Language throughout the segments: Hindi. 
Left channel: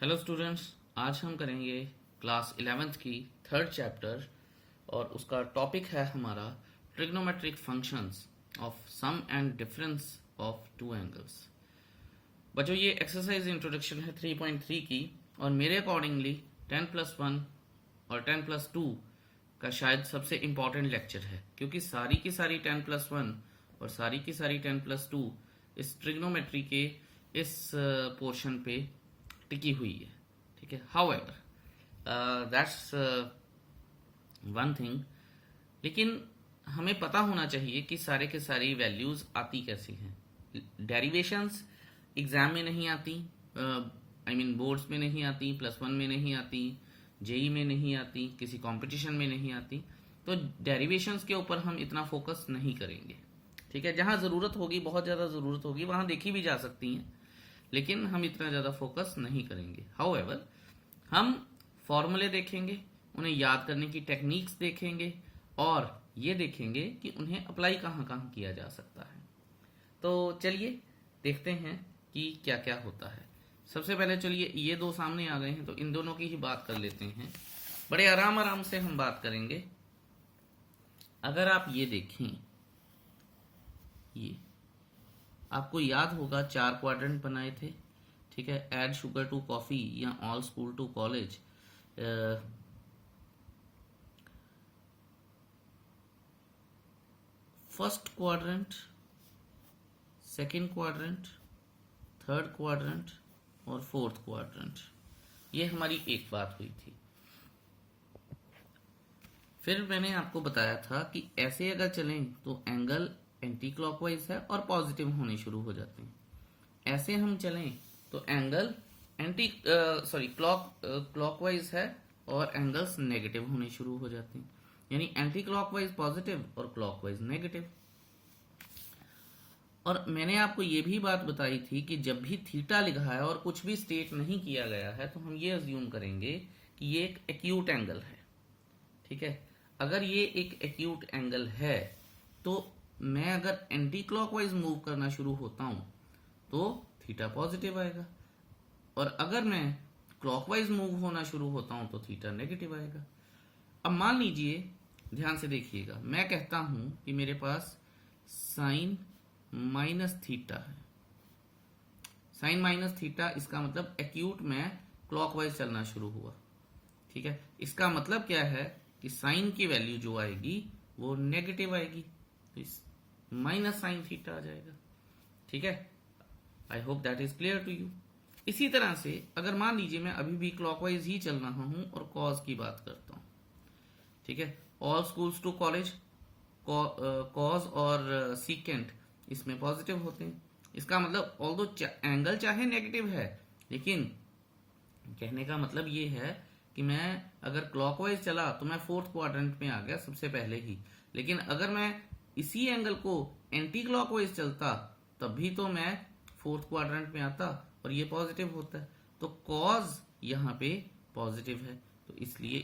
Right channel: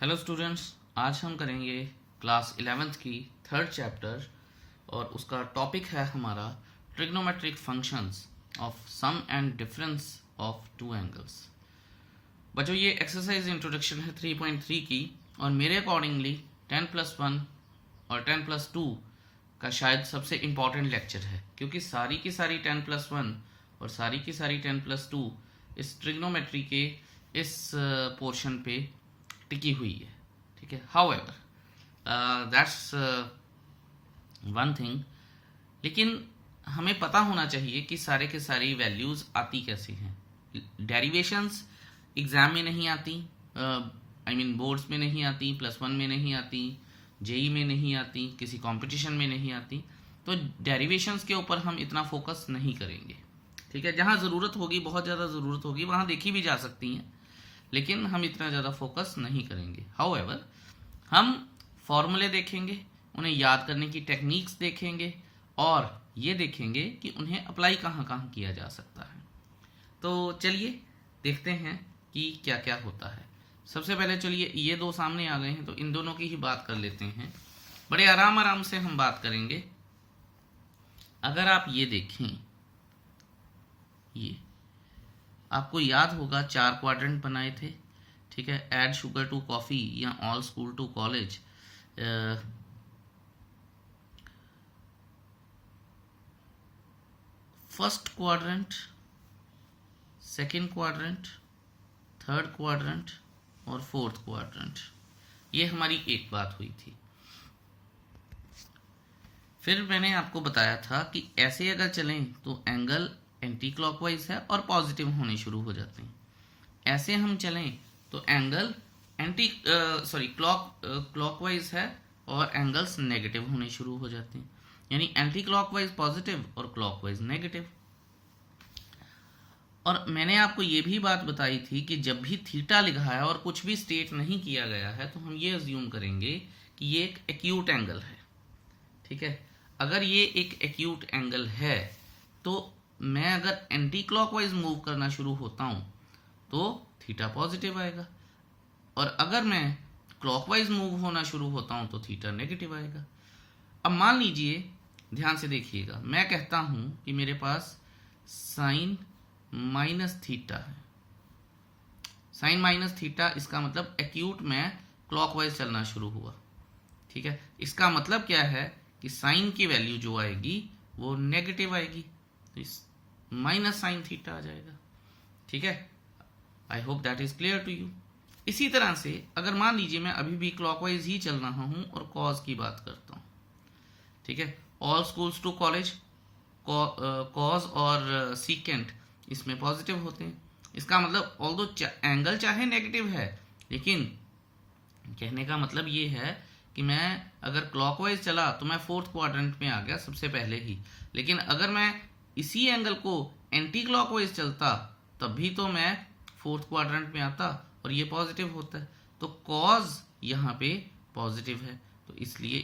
हेलो स्टूडेंट्स, आज हम करेंगे क्लास 11th की थर्ड चैप्टर और उसका टॉपिक है हमारा trigonometric functions of sum and difference of two angles. बच्चों, ये एक्सरसाइज इंट्रोडक्शन है 3.3 की और मेरे अकॉर्डिंगली 10+1 और 10+2 का शायद सबसे इम्पॉर्टेंट लेक्चर है, क्योंकि सारी की सारी 10+1 और सारी की सारी 10+2 इस ट्रिग्नोमेट्री के इस पोर्शन पे टिकी हुई है। ठीक है, हाउएवर दैट्स वन थिंग, लेकिन हमें पता होना चाहिए कि सारे के सारी वैल्यूज आती कैसे हैं। डेरिवेशंस एग्जाम में नहीं आती, आई मीन बोर्ड्स में नहीं आती, +1 में नहीं आती, जेई में नहीं आती, किसी कंपटीशन में नहीं आती। तो डेरिवेशंस के ऊपर हम इतना फोकस नहीं करेंगे। ठीक है, जहाँ ज़रूरत होगी, बहुत ज़्यादा ज़रूरत होगी, वहाँ देखी भी जा सकती हैं, लेकिन हम इतना ज़्यादा फोकस नहीं करेंगे। हाउएवर हम फॉर्मूले देखेंगे, उन्हें याद करने की टेक्निक्स देखेंगे और ये देखेंगे कि उन्हें अप्लाई कहाँ कहाँ किया जा सकता है। तो चलिए देखते हैं कि क्या क्या होता है। सबसे पहले चलिए, ये दो सामने आ गए हैं तो इन दोनों की ही बात कर लेते हैं। बड़े आराम आराम से हम बात करेंगे। अगर आप ये देखें, ये आपको याद होगा 4 क्वाड्रेंट बनाए थे। ठीक है, ऐड शुगर टू कॉफ़ी या all school to college, first quadrant, second quadrant, third quadrant और फोर्थ क्वाड्रेंट। ये हमारी एक बात हुई थी। फिर मैंने आपको बताया था कि ऐसे अगर चलें तो एंगल एंटी क्लॉकवाइज है और पॉजिटिव होने शुरू हो जाते हैं। ऐसे हम चलें तो एंगल क्लॉकवाइज है और एंगल्स नेगेटिव होने शुरू हो जाते हैं, यानी एंटी क्लॉकवाइज पॉजिटिव और क्लॉकवाइज नेगेटिव। और मैंने आपको ये भी बात बताई थी कि जब भी थीटा लिखा है और कुछ भी स्टेट नहीं किया गया है तो हम ये अज्यूम करेंगे कि ये एक एक्यूट एंगल है। ठीक है, अगर ये एक एक्यूट एंगल है तो मैं अगर एंटी क्लॉकवाइज मूव करना शुरू होता हूं तो थीटा पॉजिटिव आएगा, और अगर मैं क्लॉकवाइज मूव होना शुरू होता हूं तो थीटा नेगेटिव आएगा। अब मान लीजिए, ध्यान से देखिएगा, मैं कहता हूं कि मेरे पास साइन माइनस थीटा है। साइन माइनस थीटा, इसका मतलब एक्यूट में क्लॉकवाइज चलना शुरू हुआ। ठीक है, इसका मतलब क्या है कि साइन की वैल्यू जो आएगी वो नेगेटिव आएगी, तो इस माइनस साइन थीटा आ जाएगा। ठीक है, I hope that is clear to you. इसी तरह से अगर मान लीजिए मैं अभी भी क्लॉकवाइज ही चल रहा हूं और कॉज की बात करता हूं। ठीक है, all schools to college, cos और सीकेंट इसमें पॉजिटिव होते हैं। इसका मतलब ऑल्दो एंगल चाहे नेगेटिव है, लेकिन कहने का मतलब ये है कि मैं अगर क्लॉकवाइज चला तो मैं फोर्थ क्वाड्रेंट में आ गया सबसे पहले ही, लेकिन अगर मैं इसी एंगल को एंटी क्लॉकवाइज चलता तब भी तो मैं फोर्थ क्वाड्रेंट में आता और ये पॉजिटिव होता है। तो कॉज यहाँ पे पॉजिटिव है, तो इसलिए,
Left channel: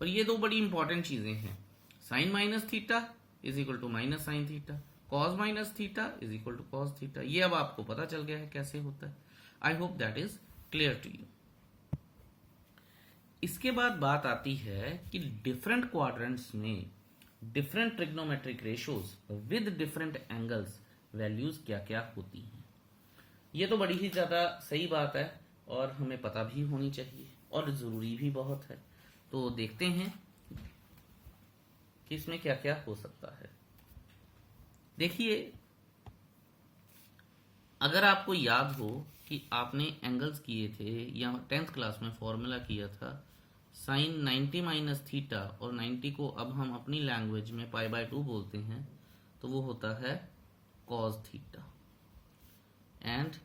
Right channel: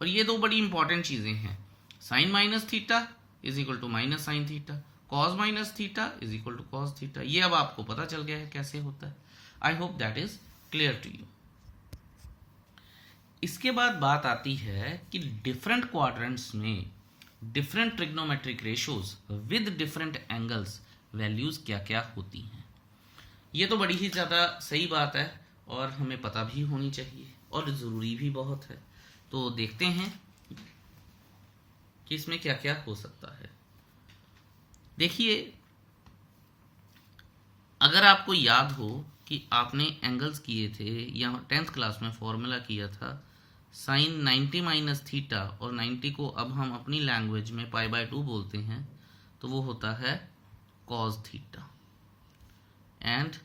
और ये दो बड़ी इंपॉर्टेंट चीजें हैं। Sine minus theta is equal to minus sine theta, cos minus theta is equal to cos theta. ये अब आपको पता चल गया है कैसे होता है। I hope that is clear to you. इसके बाद बात आती है कि डिफरेंट क्वाड्रेंट्स में different trigonometric ratios with different angles values क्या क्या होती हैं। ये तो बड़ी ही ज़्यादा सही बात है और हमें पता भी होनी चाहिए और ज़रूरी भी बहुत है। तो देखते हैं कि इसमें क्या क्या हो सकता है। देखिए, अगर आपको याद हो कि आपने एंगल्स किए थे या 10th क्लास में फॉर्मूला किया था साइन 90 माइनस थीटा, और 90 को अब हम अपनी लैंग्वेज में π/2 बोलते हैं, तो वो होता है cos theta, and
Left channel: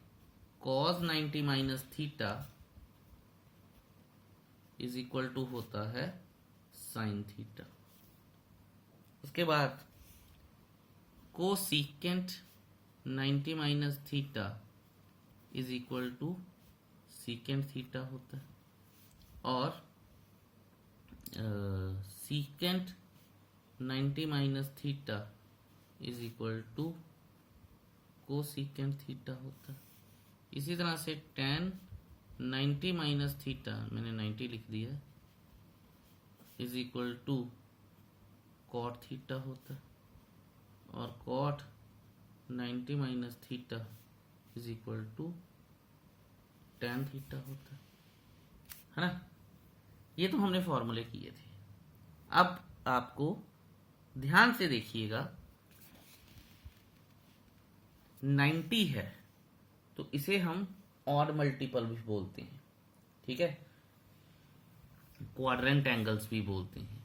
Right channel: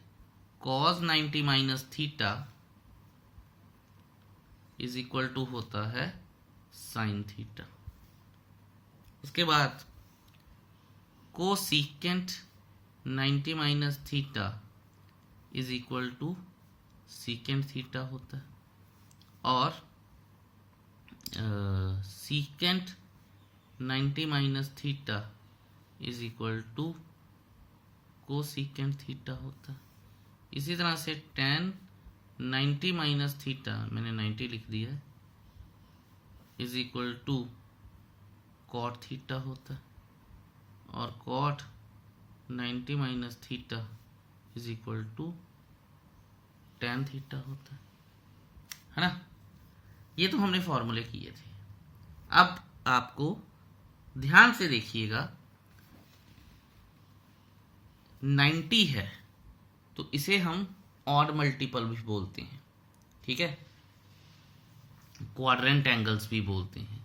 cos 90 minus theta is equal to होता है साइन थीटा। उसके बाद cosecant 90 minus theta is equal to secant theta होता है, और secant 90 minus theta is equal to cosecant theta होता है। इसी तरह से tan 90 माइनस थीटा, मैंने 90 लिख दिया है, is equal to cot theta होता है, और cot 90 minus theta is equal to tan theta होता है ना। ये तो हमने फॉर्मूले किए थे। अब आपको ध्यान से देखिएगा, 90 है तो इसे हम ऑड मल्टीपल भी बोलते हैं, ठीक है, क्वाड्रेंट एंगल्स भी बोलते हैं,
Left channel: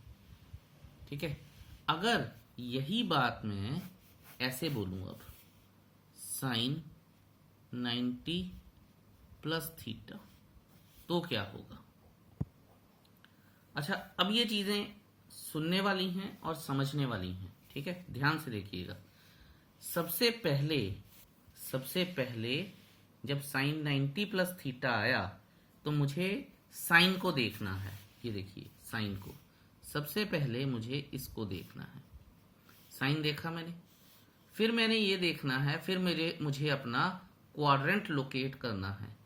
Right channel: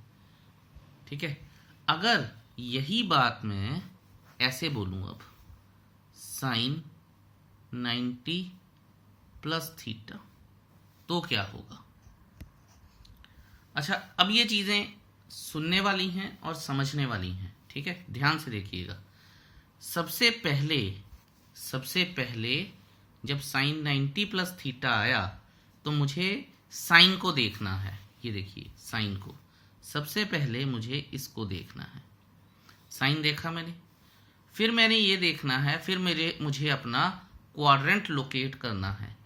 ठीक है। अगर यही बात मैं ऐसे बोलूं, अब साइन 90 प्लस थीटा, तो क्या होगा। अच्छा, अब ये चीजें सुनने वाली हैं और समझने वाली हैं, ठीक है, ध्यान से देखिएगा। सबसे पहले जब साइन 90 प्लस थीटा आया तो मुझे साइन को देखना है। ये देखिए साइन को, सबसे पहले मुझे इसको देखना है। साइन देखा मैंने, फिर मैंने ये देखना है, फिर मुझे अपना क्वाड्रेंट लोकेट करना है।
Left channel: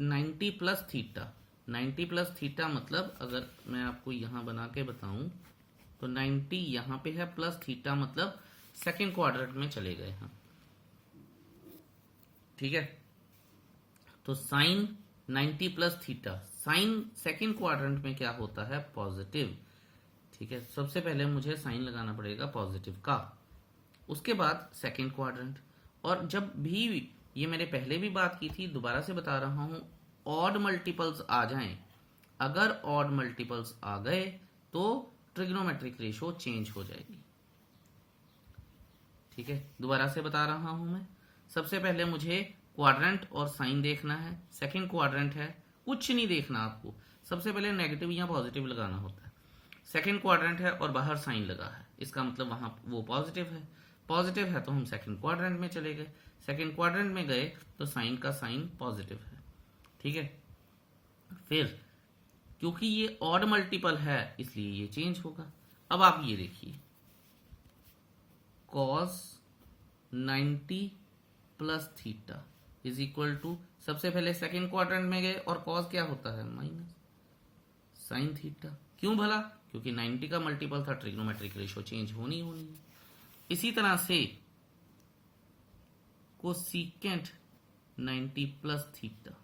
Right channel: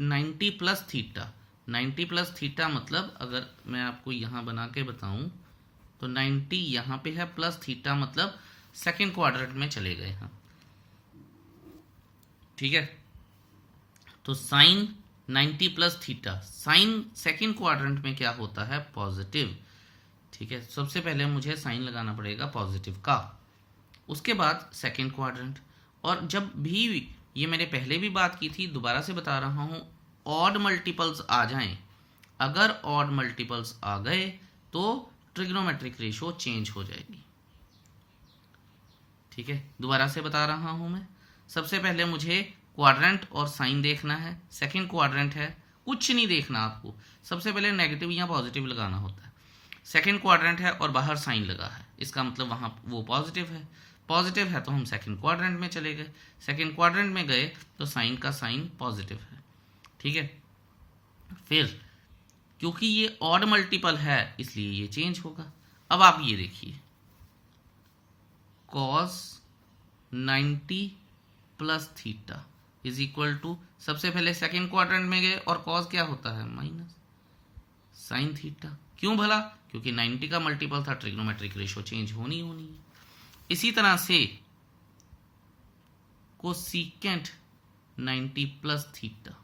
90 प्लस थीटा, 90 प्लस थीटा मतलब अगर मैं आपको यहाँ बना के बताऊं तो 90 यहाँ पे है, प्लस थीटा मतलब सेकेंड क्वाड्रेंट में चले गए हम, ठीक है। तो sine 90 plus theta, sine second quadrant में क्या होता है, पॉजिटिव, ठीक है। सबसे पहले मुझे साइन लगाना पड़ेगा पॉजिटिव का, उसके बाद सेकेंड क्वाड्रेंट। और जब भी, ये मैंने पहले भी बात की थी, दोबारा से बता रहा हूं, ऑड मल्टीपल्स आ जाएं, अगर ऑड मल्टीपल्स आ गए तो ट्रिग्नोमेट्रिक रेशो चेंज हो जाएगी, ठीक है। दोबारा से बता रहा हूं मैं, सबसे पहले मुझे क्वाड्रेंट और साइन देखना है, सेकंड क्वाड्रेंट है, कुछ नहीं देखना आपको, सबसे पहले नेगेटिव या पॉजिटिव लगाना होता है। सेकंड क्वाड्रेंट है और बाहर साइन लगा है, इसका मतलब वहां वो पॉजिटिव है तो हम सेकंड क्वाड्रेंट में चले गए, सेकंड क्वाड्रेंट में गए तो साइन का साइन पॉजिटिव है, ठीक है। फिर क्योंकि ये ऑड मल्टीपल है इसलिए ये चेंज होगा। अब आप ये देखिए, cos 90 plus theta is equal to, सबसे पहले सेकेंड क्वाड्रेंट में गए और cos क्या होता है, माइनस साइन थीटा। क्यों भला, क्योंकि 90 का मल्टीपल था, ट्रिग्नोमेट्रिक रेशो चेंज होनी है। इसी तरह से cosecant 90 plus theta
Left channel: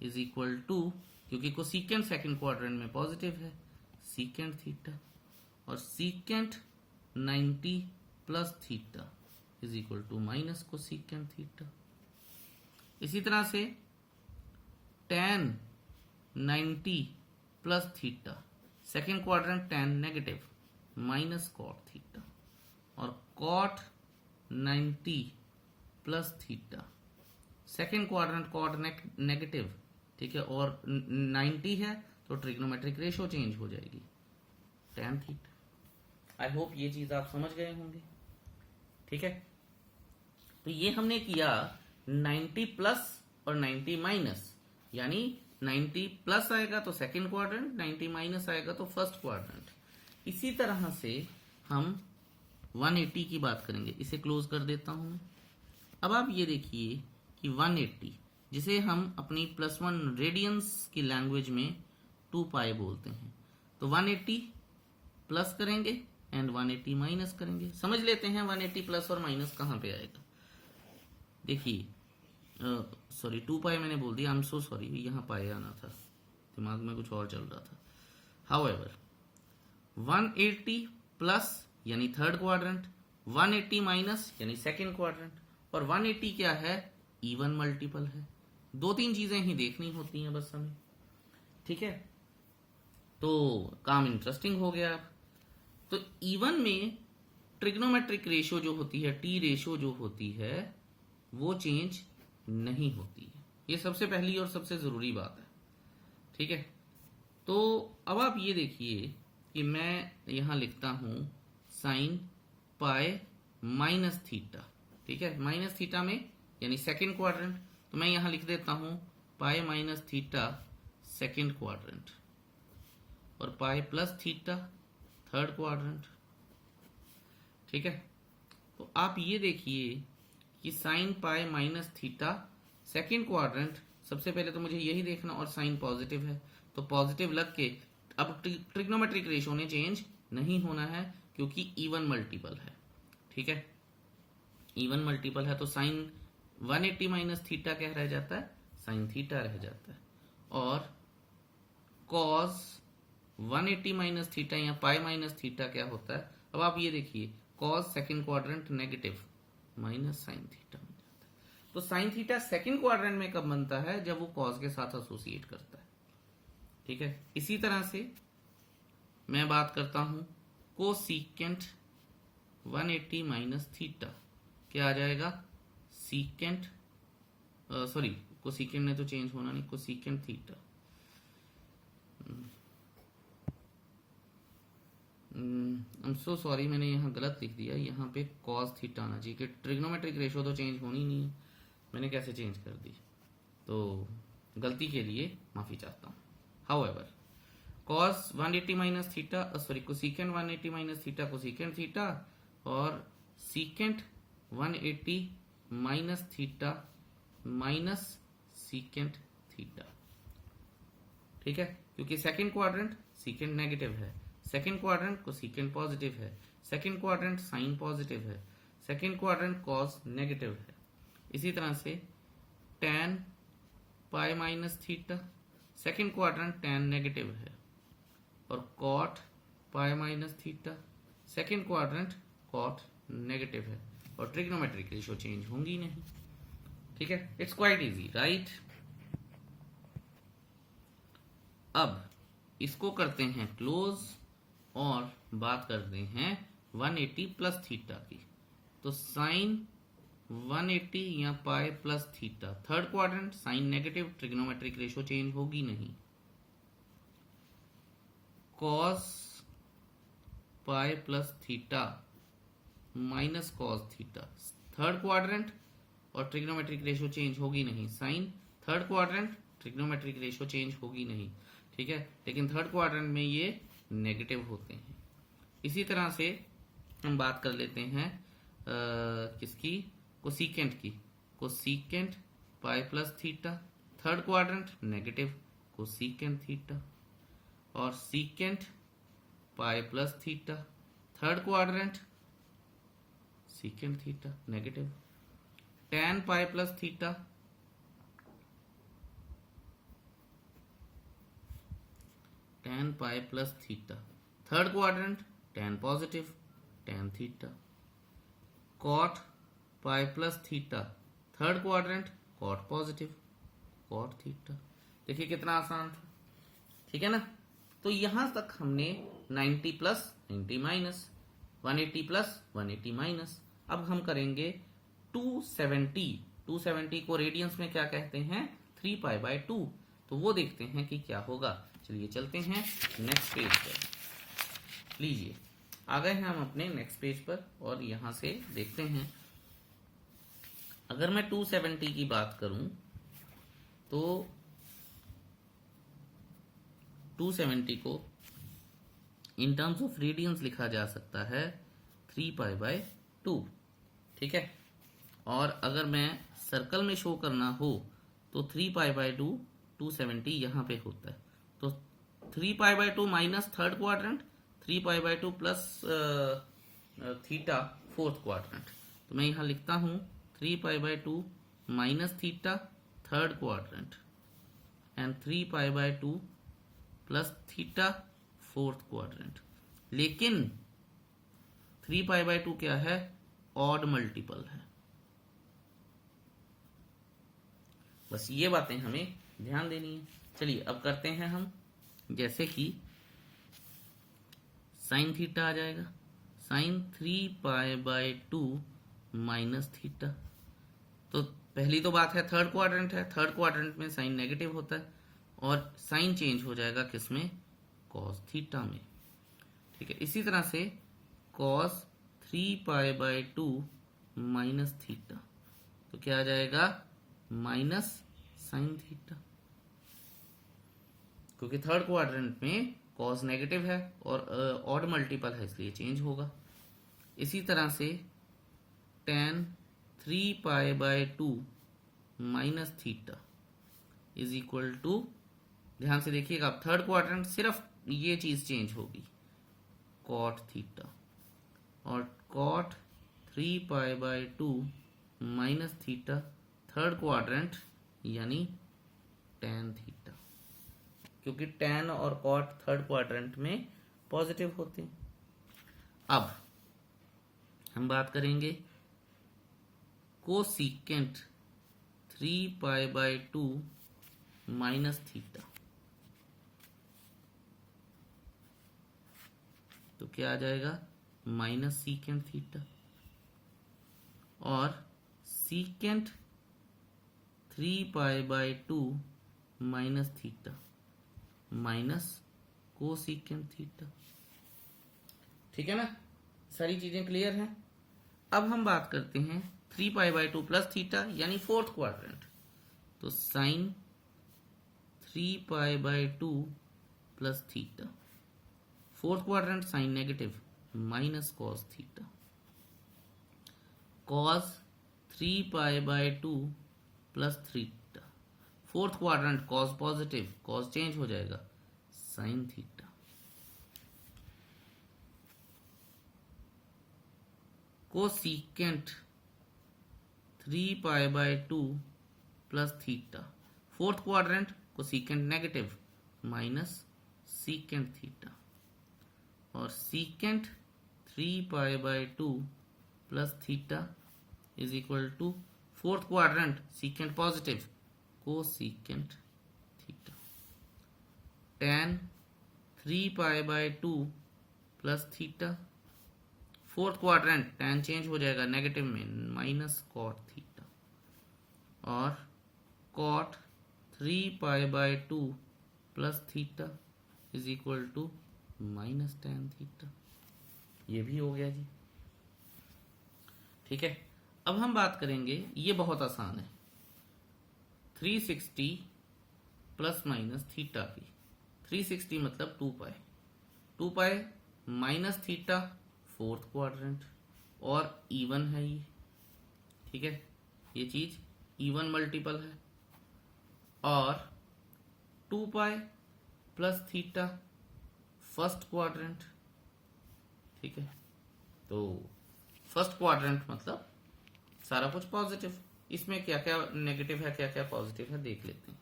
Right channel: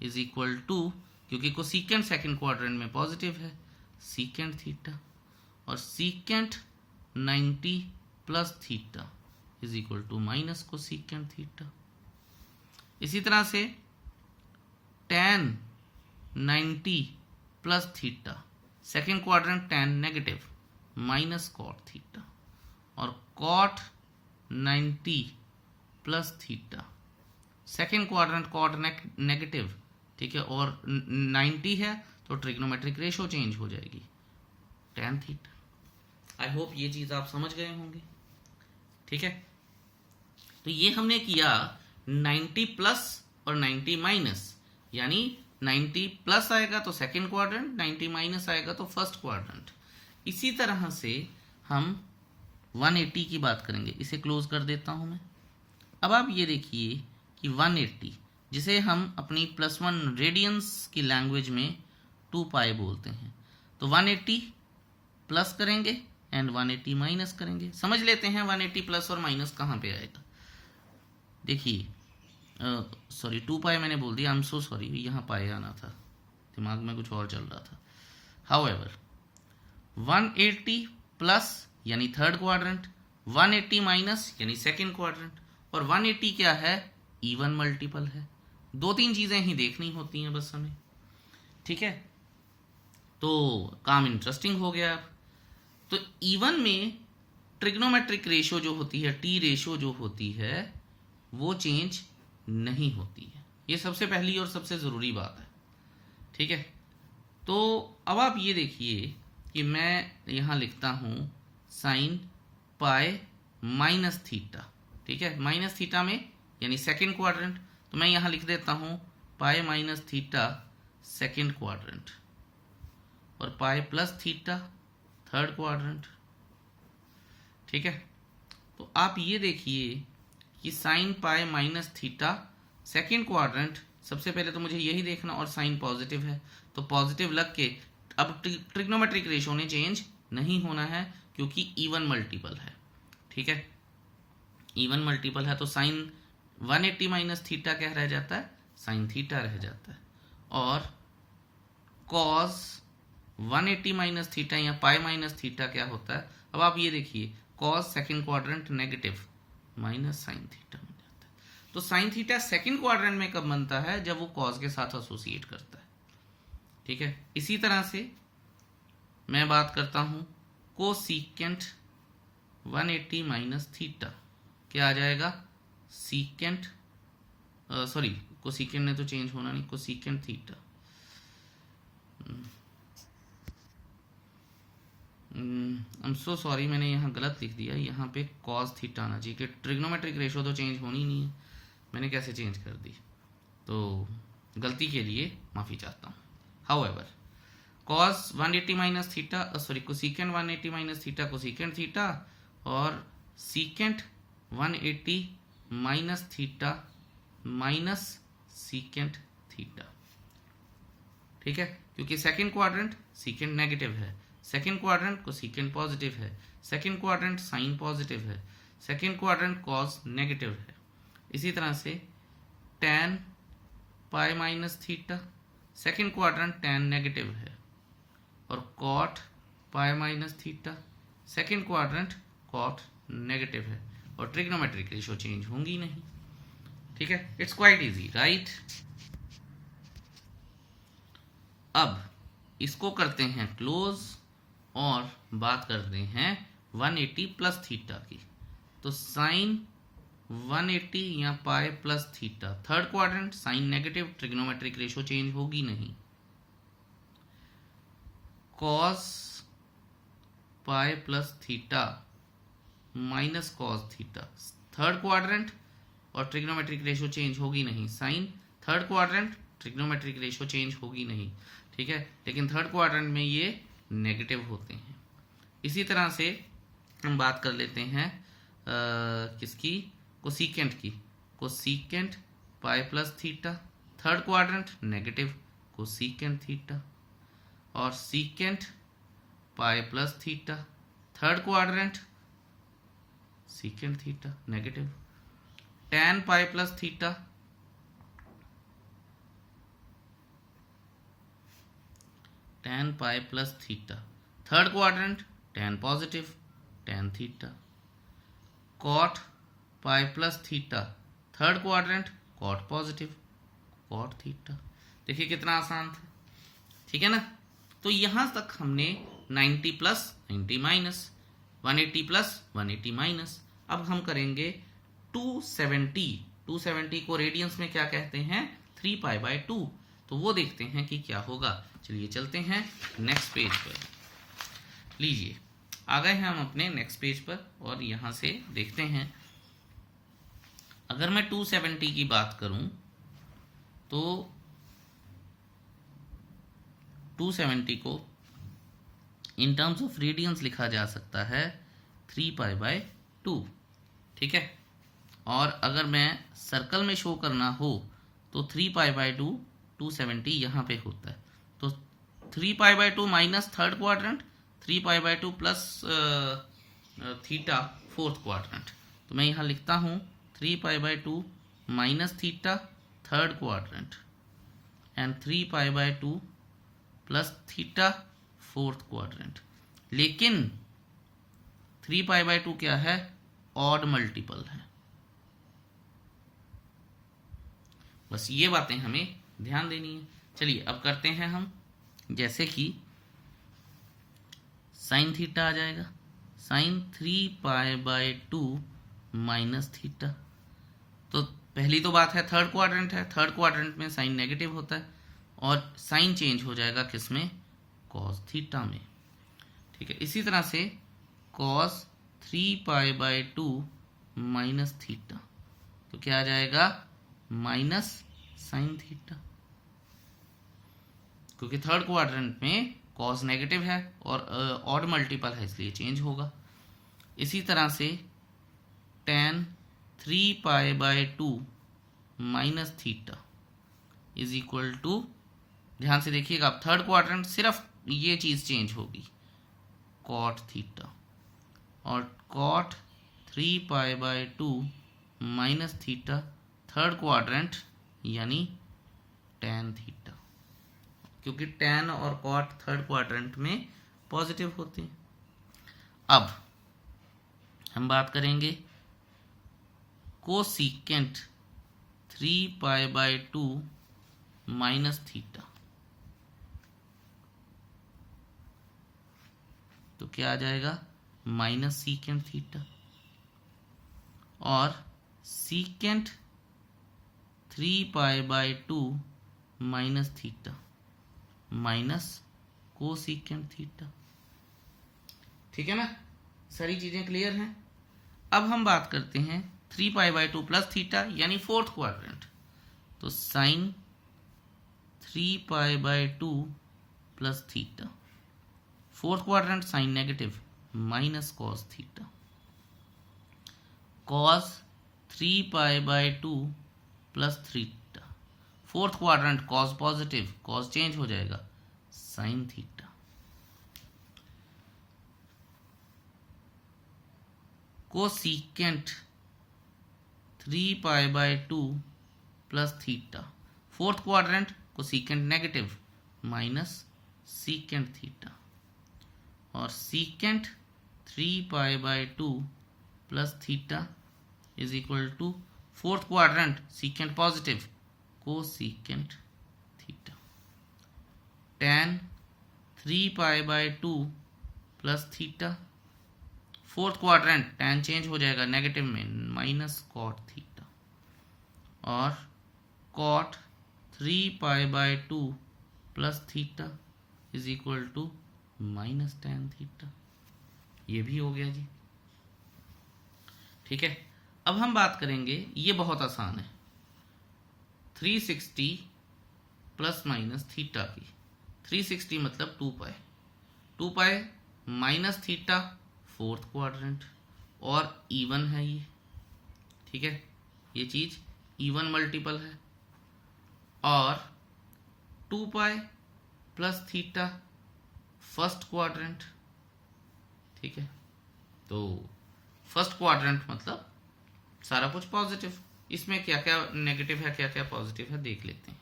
is equal to, क्योंकि कोसिकेंट सेकंड क्वाड्रेंट में पॉजिटिव है, सीकेंट थीटा, और secant 90 plus theta is equal to minus cosecant theta. इसी तरह से tan 90 plus theta, second quadrant tan negative, minus cot theta, और cot 90 plus theta, second quadrant cot negative, ठीक है, और 90 है तो ट्रिग्नोमेट्रिक रेशो चेंज हो जाएगी, tan थीटा। आई होप ये चीज आप समझ गए होंगे, ठीक है। तो ये हमने किया 90 प्लस और 90 माइनस, यानी 90 प्लस आएगा तो सेकेंड क्वाड्रेंट, 90 माइनस आएगा तो फर्स्ट क्वाड्रेंट। इसी तरह से हम 180 की बात करेंगे, इसे क्लोज कर देता हूं मैं। अब आप ये देखिए कि 180, जिसे हम अपनी +1 रेडियंस की लैंग्वेज में 2 पाई बोलते हैं, तो 180 प्लस करेंगे एंड 180 माइनस करेंगे। समझ लेते हैं 180 प्लस और माइनस कहाँ पे आएगा। देखिए, सॉरी 2 पाई मैंने बोल दिया, आई एम सो सॉरी, यहाँ पाई आना था, दिमाग में कुछ और चल रहा था। हाउएवर 180 प्लस यानी थर्ड क्वाड्रेंट, 180 माइनस यानी सेकेंड क्वाड्रेंट, और 180 क्या है, इवन मल्टीपल है। 2-3 चीजें ही देखनी होती हैं बस हमें, ठीक है। तो काम इंटरेस्टिंग हो गया। तो इवन में ट्रिग्नोमेट्रिक रेशो जो होती है, टी रेशो जो होती है, वो चेंज नहीं होती है। ये सबसे पहली और सबसे जरूरी बात है, ठीक है। तो अब आप ये देखिए कि मैं यहां लिखता हूं साइन पाई माइनस थीटा, ठीक है, माइनस थीटा में यानी सेकेंड क्वाड्रेंट, तो मैं यहां लिख देता हूं pi minus theta second quadrant, और pi plus theta third quadrant, ठीक है। तो आप ये देखिए कि sine pi minus theta second quadrant, सबसे पहले तो मुझे यही देखना, और साइन पॉजिटिव है तो पॉजिटिव लग के अब ट्रिग्नोमेट्रिक रेशो ने चेंज नहीं होना है क्योंकि इवन मल्टीपल है। ठीक है, इवन मल्टीपल है तो साइन 180 माइनस थीटा क्या रह जाता है, साइन थीटा रह जाता है। और कॉस 180 माइनस थीटा या पाई माइनस थीटा क्या होता है, अब आप ये देखिए cos second quadrant negative minus sine theta बन जाता है। तो साइन थीटा सेकंड क्वाड्रेंट में कब बनता है, जब वो कॉस के साथ एसोसिएट करता है। ठीक है, इसी तरह से मैं बात करता हूं कोसीकेंट 180 माइनस थीटा, क्या आ जाएगा, सीकेंट सॉरी कोसीकेंट ने तो चेंज होना नहीं, cosecant theta I am so sorry, मैंने यहाँ गलत लिख दिया, यहाँ पे कॉस थीटा आना चाहिए कि ट्रिग्नोमेट्रिक रेशो तो चेंज होनी नहीं है, मैंने कैसे चेंज कर दी, तो गलती के लिए माफ़ी चाहता हूँ। However cos 180 minus theta sorry cosecant 180 minus theta cosecant theta, और secant 180 minus theta minus secant theta. ठीक है, क्योंकि सेकंड क्वाड्रेंट सीकेंट नेगेटिव है, सेकंड क्वाड्रेंट कोसीकेंट पॉजिटिव है, सेकंड क्वाड्रेंट साइन पॉजिटिव है, सेकंड क्वाड्रेंट कॉस नेगेटिव है। इसी तरह से tan pi minus theta, second quadrant tan negative है, और cot pi minus theta, second quadrant cot negative है, और ट्रिग्नोमेट्रिक रेशो चेंज होंगी नहीं। ठीक है, इट्स क्वाइट इजी राइट। अब इसको करते हैं क्लोज और बात करते हैं 180 प्लस थीटा की। तो साइन 180 या pi plus theta, third quadrant sine negative, trigonometric ratio change होगी नहीं। Cos pi plus theta minus cos theta, third quadrant और ट्रिग्नोमेट्रिक रेशो चेंज होगी नहीं। Sine third quadrant, trigonometric ratio change होगी नहीं। ठीक है, लेकिन थर्ड क्वाड्रेंट में ये नेगेटिव होते हैं। इसी तरह से हम बात कर लेते हैं किसकी, कोसीकेंट की। Cosecant pi plus theta, third quadrant negative cosecant theta, और secant pi plus theta, third quadrant secant theta negative, tan pi plus theta, tan pi plus theta, third quadrant tan positive tan theta, cot pi plus theta, third quadrant cot positive cot theta. देखिए कितना आसान था। ठीक है ना, तो यहां तक हमने 90 प्लस 90 माइनस, 180 प्लस 180 माइनस। अब हम करेंगे 270। 270 को रेडियंस में क्या कहते हैं, 3 पाई बाय 2। तो वो देखते हैं कि क्या होगा। चलिए चलते हैं नेक्स्ट पेज पर। लीजिए आ गए हैं हम अपने नेक्स्ट पेज पर, और यहां से देखते हैं अगर मैं 270 की बात करूं तो 270 को इन टर्म्स ऑफ रेडियंस लिखा जा सकता है 3 पाई बाय 2। ठीक है, और अगर मैं सर्कल में शो करना हो तो 3 पाई बाय 2 270 यहाँ पे होता है। तो 3 pi by 2 minus third quadrant, 3 pi by 2 plus theta fourth quadrant. तो मैं यहाँ लिखता हूँ 3 pi by 2 minus theta third quadrant and 3 pi by 2 plus theta fourth quadrant. लेकिन 3 पाई बाय 2 क्या है, ऑड मल्टीपल है। बस ये बातें हमें ध्यान देनी है। चलिए अब करते हैं हम, जैसे कि साइन थीटा आ जाएगा, sine 3 pi by 2 minus theta. तो पहली तो बात है थर्ड क्वाड्रेंट है, थर्ड क्वाड्रेंट में साइन नेगेटिव होता है और साइन चेंज हो जाएगा किसमें, कॉस थीटा में। ठीक है, इसी तरह से cos 3 pi by 2 minus theta, तो क्या आ जाएगा, माइनस साइन थीटा, क्योंकि थर्ड क्वाड्रेंट में कॉस नेगेटिव है और ऑड मल्टीपल है इसलिए चेंज होगा। इसी तरह से tan 3 pi by 2 minus theta, is equal to, ध्यान से देखिएगा आप, थर्ड क्वाड्रेंट सिर्फ ये चीज़ चेंज होगी, कॉट थीटा, और cot 3π/2 minus theta third quadrant यानी tan थीटा, क्योंकि tan और कॉट थर्ड क्वाड्रेंट में पॉजिटिव होते हैं। अब हम बात करेंगे कोसिकेंट 3π/2 माइनस थीटा, तो क्या आ जाएगा, माइनस सीकेंट थीटा, और secant 3π/2 minus theta minus cosecant theta. ठीक है ना, सारी चीजें क्लियर हैं। अब हम बात करते हैं 3π/2 प्लस थीटा यानी फोर्थ क्वाड्रेंट, तो sine 3π/2 plus theta, fourth quadrant sine negative minus cos theta, cos 3π/2 plus theta, fourth quadrant cos positive, cos change हो जाएगा, sine theta, cosecant 3π/2 plus theta, fourth quadrant cosecant negative minus secant theta, और secant 3π/2 plus theta is equal to fourth quadrant secant positive, cosecant theta, tan 3π/2 plus theta, fourth quadrant tan change हो जाएगा नेगेटिव में, माइनस कॉट थीटा, और cot 3π/2 plus theta is equal to minus tan theta. ये भी हो गया जी। ठीक है, अब हम बात करेंगे, ये बहुत आसान है, 360 प्लस माइनस थीटा की। 360 मतलब 2π माइनस थीटा फोर्थ क्वाड्रेंट, और इवन है ये। ठीक है, ये चीज इवन मल्टीपल है, और 2π प्लस थीटा फर्स्ट क्वाड्रेंट। ठीक है, तो फर्स्ट क्वाड्रेंट मतलब सारा कुछ पॉजिटिव, इसमें क्या क्या नेगेटिव है क्या क्या पॉजिटिव है देख लेते हैं।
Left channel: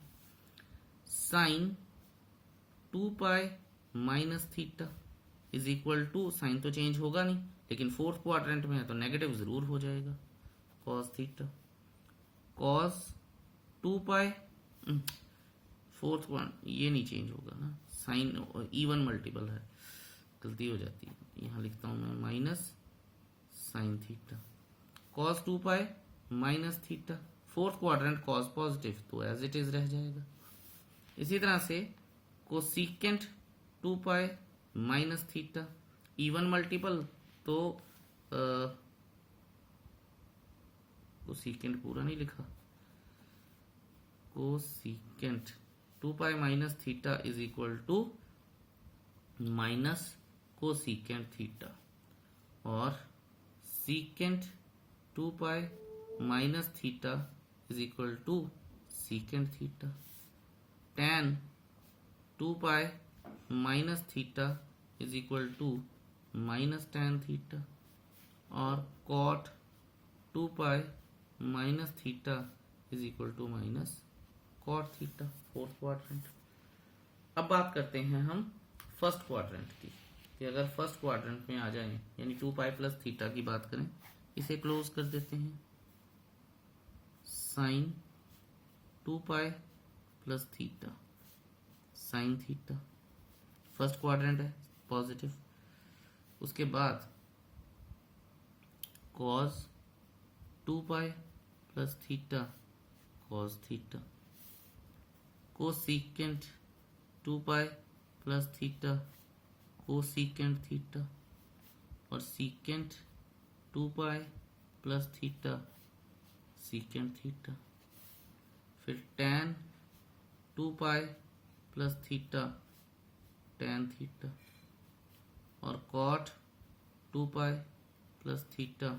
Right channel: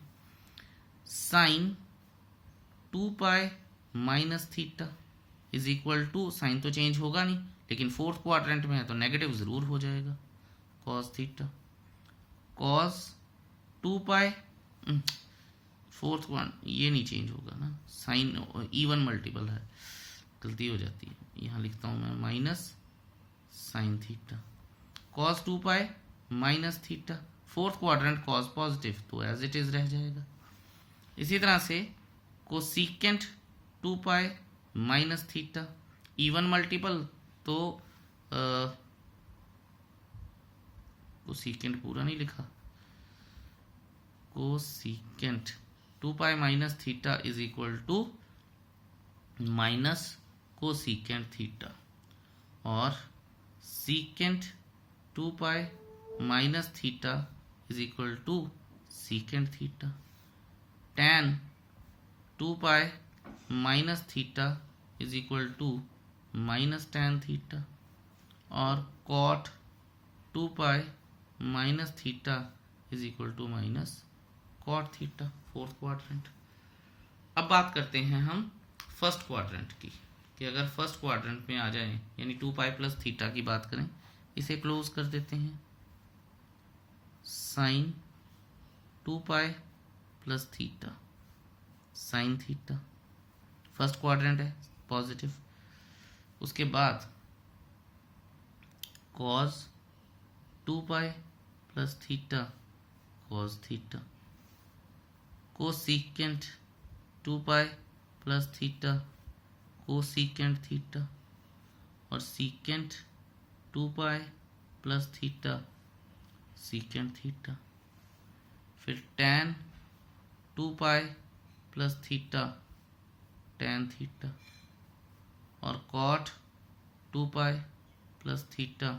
Sine 2π minus theta is equal to, sine तो चेंज होगा नहीं लेकिन फोर्थ क्वाड्रेंट में है तो नेगेटिव जरूर हो जाएगा, cos theta, cos 2π fourth one, ये नहीं चेंज होगा ना, साइन इवन मल्टीपल है, गलती हो जाती है, यहाँ लिखता हूं मैं minus sine theta, cos 2π minus theta, fourth quadrant cos positive तो एज इट इज रह जाएगा। इसी तरह से cosecant 2π minus theta, even multiple तो कोसिकेंट पूरा नहीं लिखा, cosecant 2π minus theta is equal to minus cosecant theta, और secant 2π minus theta is equal to secant theta, tan 2π minus theta is equal to minus tan theta, और cot 2π minus theta is equal to minus cot theta, fourth quadrant. अब बात करते हैं हम फर्स्ट क्वाड्रेंट की, कि अगर फर्स्ट क्वाड्रेंट में आ जाए यानी 2π प्लस थीटा की बात करें, इसे क्लोज कर देते हैं, sine 2π plus theta sine theta, first quadrant है पॉजिटिव, उसके बाद cos 2π plus theta cos theta, cosecant 2π plus theta cosecant theta, और secant 2π plus theta secant theta, फिर tan 2π plus theta tan theta, और cot 2π plus theta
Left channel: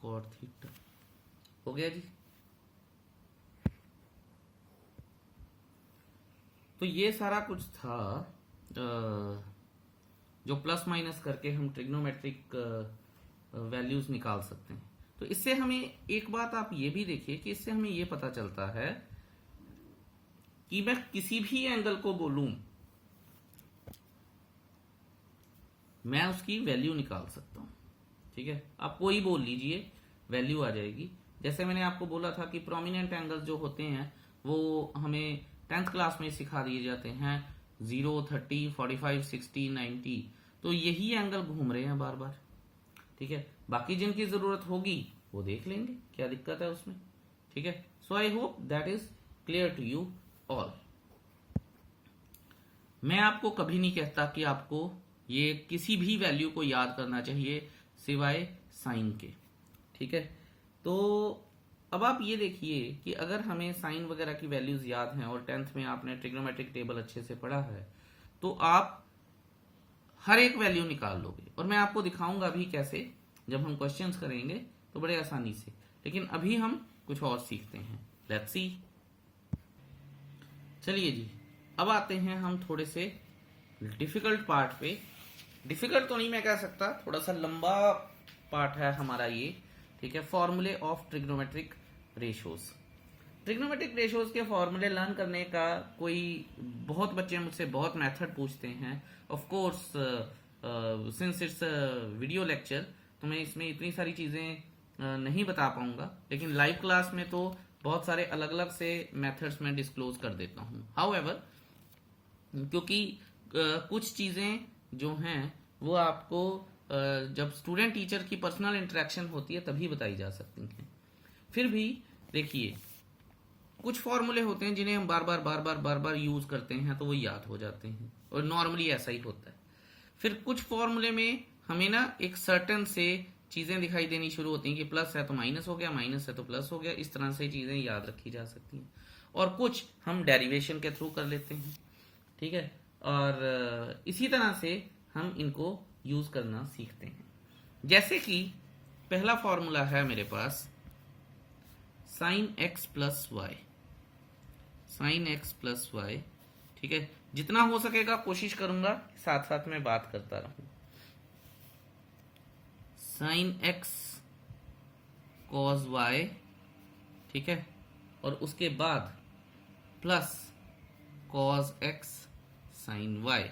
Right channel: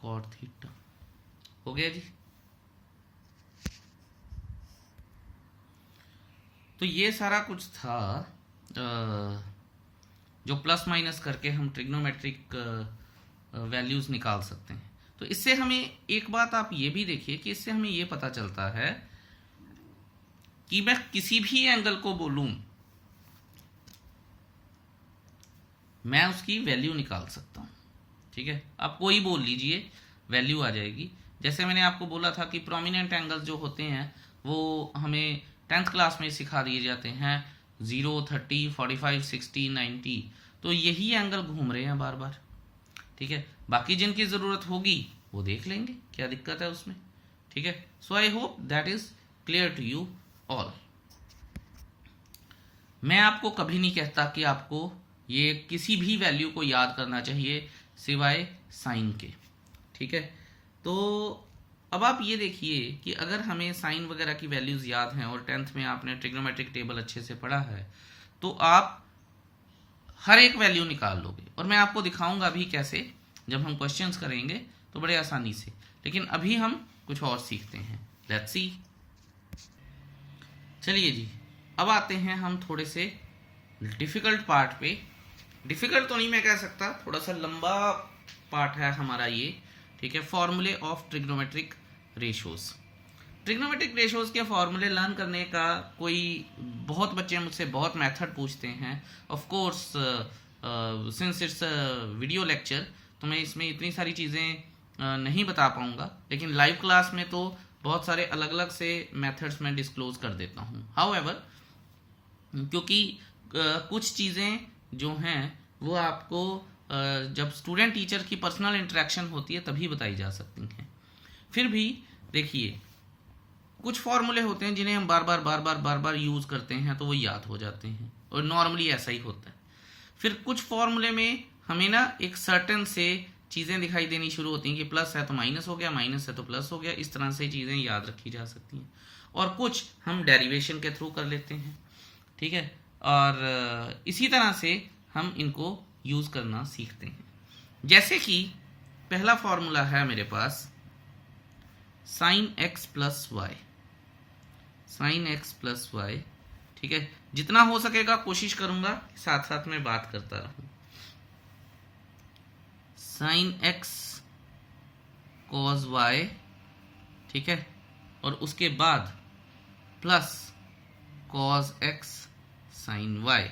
cot theta. हो गया जी। तो ये सारा कुछ था जो प्लस माइनस करके हम ट्रिग्नोमेट्रिक वैल्यूज निकाल सकते हैं। तो इससे हमें एक बात आप ये भी देखिए कि इससे हमें ये पता चलता है कि मैं किसी भी एंगल को बोलूं, मैं उसकी वैल्यू निकाल सकता हूं। ठीक है, आप कोई बोल लीजिए, वैल्यू आ जाएगी। जैसे मैंने आपको बोला था कि प्रोमिनेंट एंगल्स जो होते हैं वो हमें 10th क्लास में सिखा दिए जाते हैं, 0, 30, 45, 60, 90। तो यही एंगल घूम रहे हैं बार बार। ठीक है, बाकी जिनकी ज़रूरत होगी वो देख लेंगे, क्या दिक्कत है उसमें। ठीक है, so I hope that is clear to you all. मैं आपको कभी नहीं कहता कि आपको ये किसी भी वैल्यू को याद करना चाहिए सिवाय साइन के। ठीक है, तो अब आप ये देखिए कि अगर हमें साइन वगैरह की वैल्यूज याद हैं और 10th में आपने ट्रिग्नोमेट्रिक टेबल अच्छे से पढ़ा है, तो आप हर एक वैल्यू निकाल लोगे। और मैं आपको दिखाऊंगा अभी कैसे, जब हम क्वेश्चंस करेंगे तो बड़े आसानी से। लेकिन अभी हम कुछ और सीखते हैं, लेट्स सी। चलिए जी, अब आते हैं हम थोड़े से डिफिकल्ट पार्ट पे। डिफिकल्ट तो नहीं मैं कह सकता, थोड़ा सा लंबा पार्ट है हमारा ये। ठीक है, फॉर्मूले of trigonometric ratios. Trigonometric ratios के फॉर्मूले लर्न करने का कोई, बहुत बच्चे मुझसे बहुत मेथड पूछते हैं। Of course since it's video lecture, तो मैं इसमें इतनी सारी चीज़ें नहीं बता पाऊंगा, लेकिन लाइव क्लास में तो बहुत सारे अलग अलग से मेथड्स मैं डिस्क्लोज कर देता हूँ। हाउएवर, क्योंकि कुछ चीज़ें जो हैं वो आपको जब स्टूडेंट टीचर की पर्सनल इंटरेक्शन होती है तभी बताई जा सकती हैं। फिर भी देखिए, कुछ फॉर्मूले होते हैं जिन्हें हम बार बार यूज़ करते हैं तो वो याद हो जाते हैं, और नॉर्मली ऐसा ही होता है। फिर कुछ फॉर्मूले में हमें ना एक सर्टेन से चीज़ें दिखाई देनी शुरू होती हैं कि प्लस है तो माइनस हो गया, माइनस है तो प्लस हो गया। इस तरह से चीज़ें याद रखी जा सकती हैं, और कुछ हम डेरिवेशन के थ्रू कर लेते हैं। ठीक है, और इसी तरह से हम इनको यूज़ करना सीखते हैं। जैसे कि पहला फॉर्मूला है मेरे पास sine x plus Y, sine x plus Y. ठीक है, जितना हो सकेगा कोशिश करूंगा साथ साथ में बात करता रहूं। साइन एक्स कॉस वाई, ठीक है, और उसके बाद plus cos x sine y.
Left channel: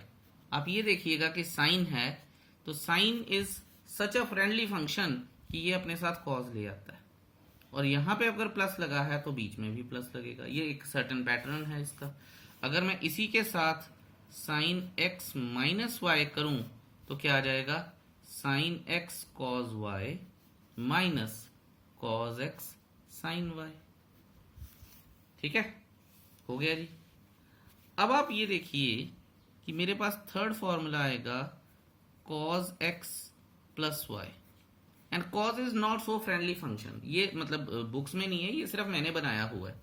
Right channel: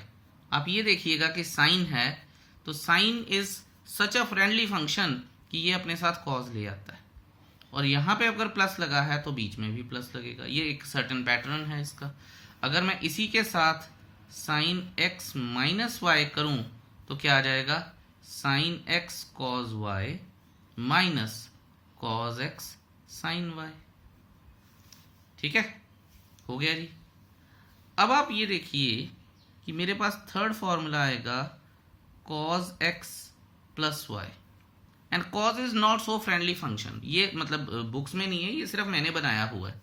आप ये देखिएगा कि साइन है तो sine is such a friendly function कि ये अपने साथ कॉस ले आता है, और यहाँ पे अगर प्लस लगा है तो बीच में भी प्लस लगेगा। ये एक सर्टेन पैटर्न है इसका। अगर मैं इसी के साथ साइन एक्स माइनस वाई करूं तो क्या आ जाएगा, sine x cos y minus cos x sine y. ठीक है, हो गया जी। अब आप ये देखिए कि मेरे पास थर्ड फॉर्मूला आएगा cos x plus y, and cos is not so friendly function. ये मतलब बुक्स में नहीं है, ये सिर्फ मैंने बनाया हुआ है।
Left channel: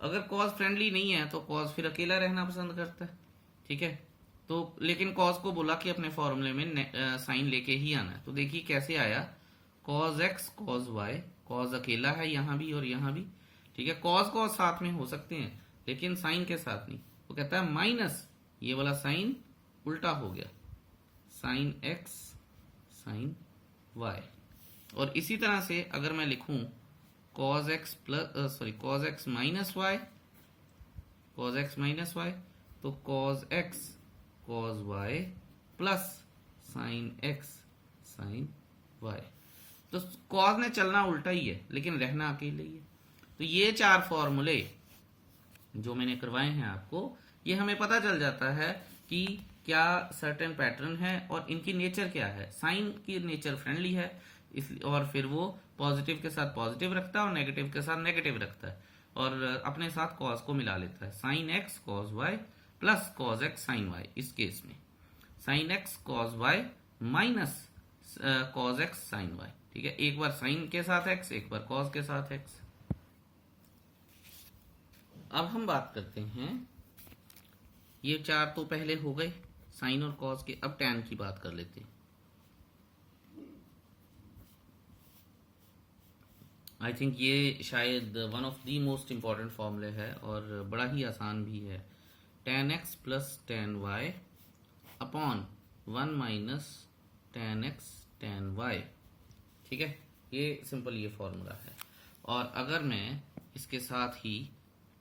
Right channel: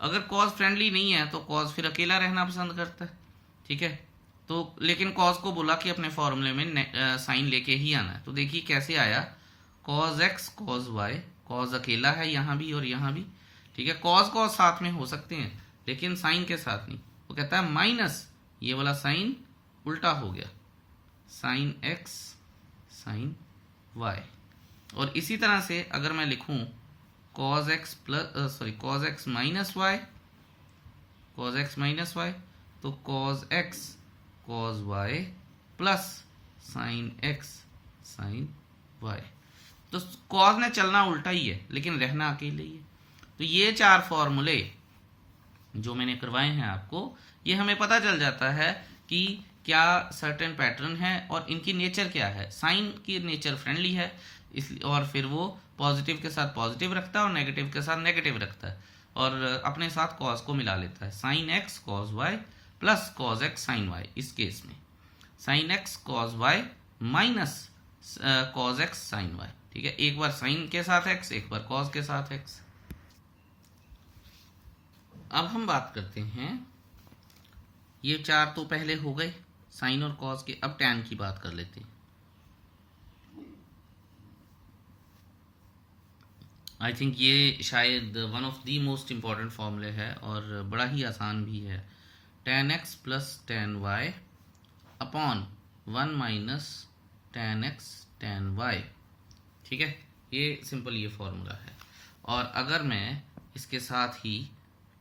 अगर कॉस फ्रेंडली नहीं है तो कॉस फिर अकेला रहना पसंद करता है। ठीक है, तो लेकिन कॉस को बोला कि अपने फॉर्मूले में साइन लेके ही आना है। तो देखिए कैसे आया, cos x cos y, cos अकेला है यहाँ भी और यहाँ भी। ठीक है, कॉस कॉस साथ में हो सकते हैं लेकिन साइन के साथ नहीं। वो कहता है माइनस, ये वाला साइन उल्टा हो गया, साइन एक्स साइन वाई। और इसी तरह से अगर मैं लिखूं cos x plus cos x minus Y, cos x minus Y, तो cos x cos Y plus sine x sine Y. तो कॉस ने चलना उल्टा ही है लेकिन रहना अकेले ही है। तो ये चार फॉर्मूले जो मैंने करवाए हैं आपको, ये हमें पता चल जाता है कि क्या सर्टेन पैटर्न है और इनकी नेचर क्या है। साइन की नेचर फ्रेंडली है इसलिए, और फिर वो पॉजिटिव के साथ पॉजिटिव रखता है और नेगेटिव के साथ नेगेटिव रखता है, और अपने साथ कॉस को मिला लेता है। Sine x cos Y plus cos x sine y. इस केस में sine x cos y minus cos x sine y. ठीक है, एक बार साइन के साथ एक्स, एक बार कॉस के साथ एक्स। अब हम बात करते हैं, ये चार तो पहले हो गए साइन और कॉस के। अब टैन की बात कर लेते हैं। आई थिंक ये शायद one of the most important फॉर्मूले है और बड़ा ही आसान भी है। tan x plus tan y upon 1 minus tan x tan y। ठीक है, ये सिंपल ये फॉर्मूला है। और अगर मैं इसके साथ ही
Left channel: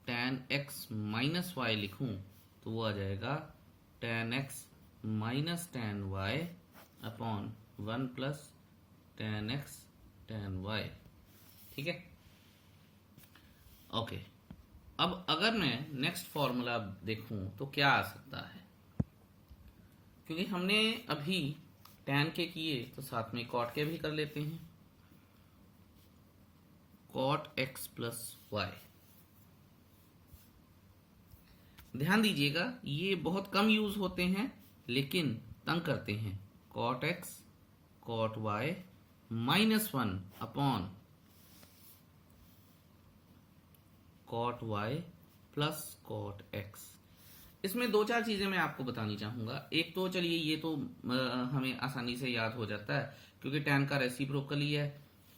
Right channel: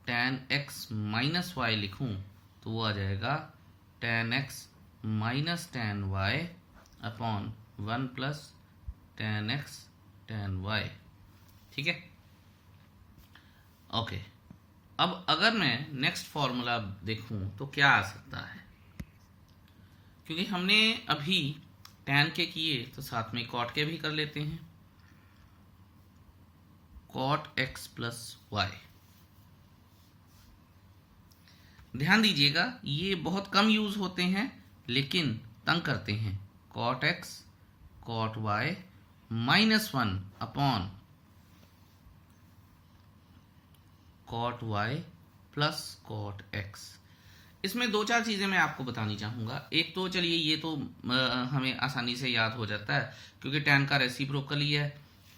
tan x माइनस वाई लिखूं तो वो आ जाएगा tan x minus tan y upon 1 plus tan x tan y। ठीक है, ओके। अब अगर मैं नेक्स्ट फॉर्मूला देखूं तो क्या आ सकता है, क्योंकि हमने अभी tan के किए तो साथ में cot के भी कर लेते हैं। cot x प्लस वाई, ध्यान दीजिएगा ये बहुत कम यूज होते हैं लेकिन तंग करते हैं। cot x cot y minus 1 upon cot y plus cot x। इसमें दो चार चीज़ें मैं आपको बतानी चाहूँगा। एक तो चलिए ये तो हमें आसानी से याद हो जाता है क्योंकि tan का रेसिप्रोकल ही है,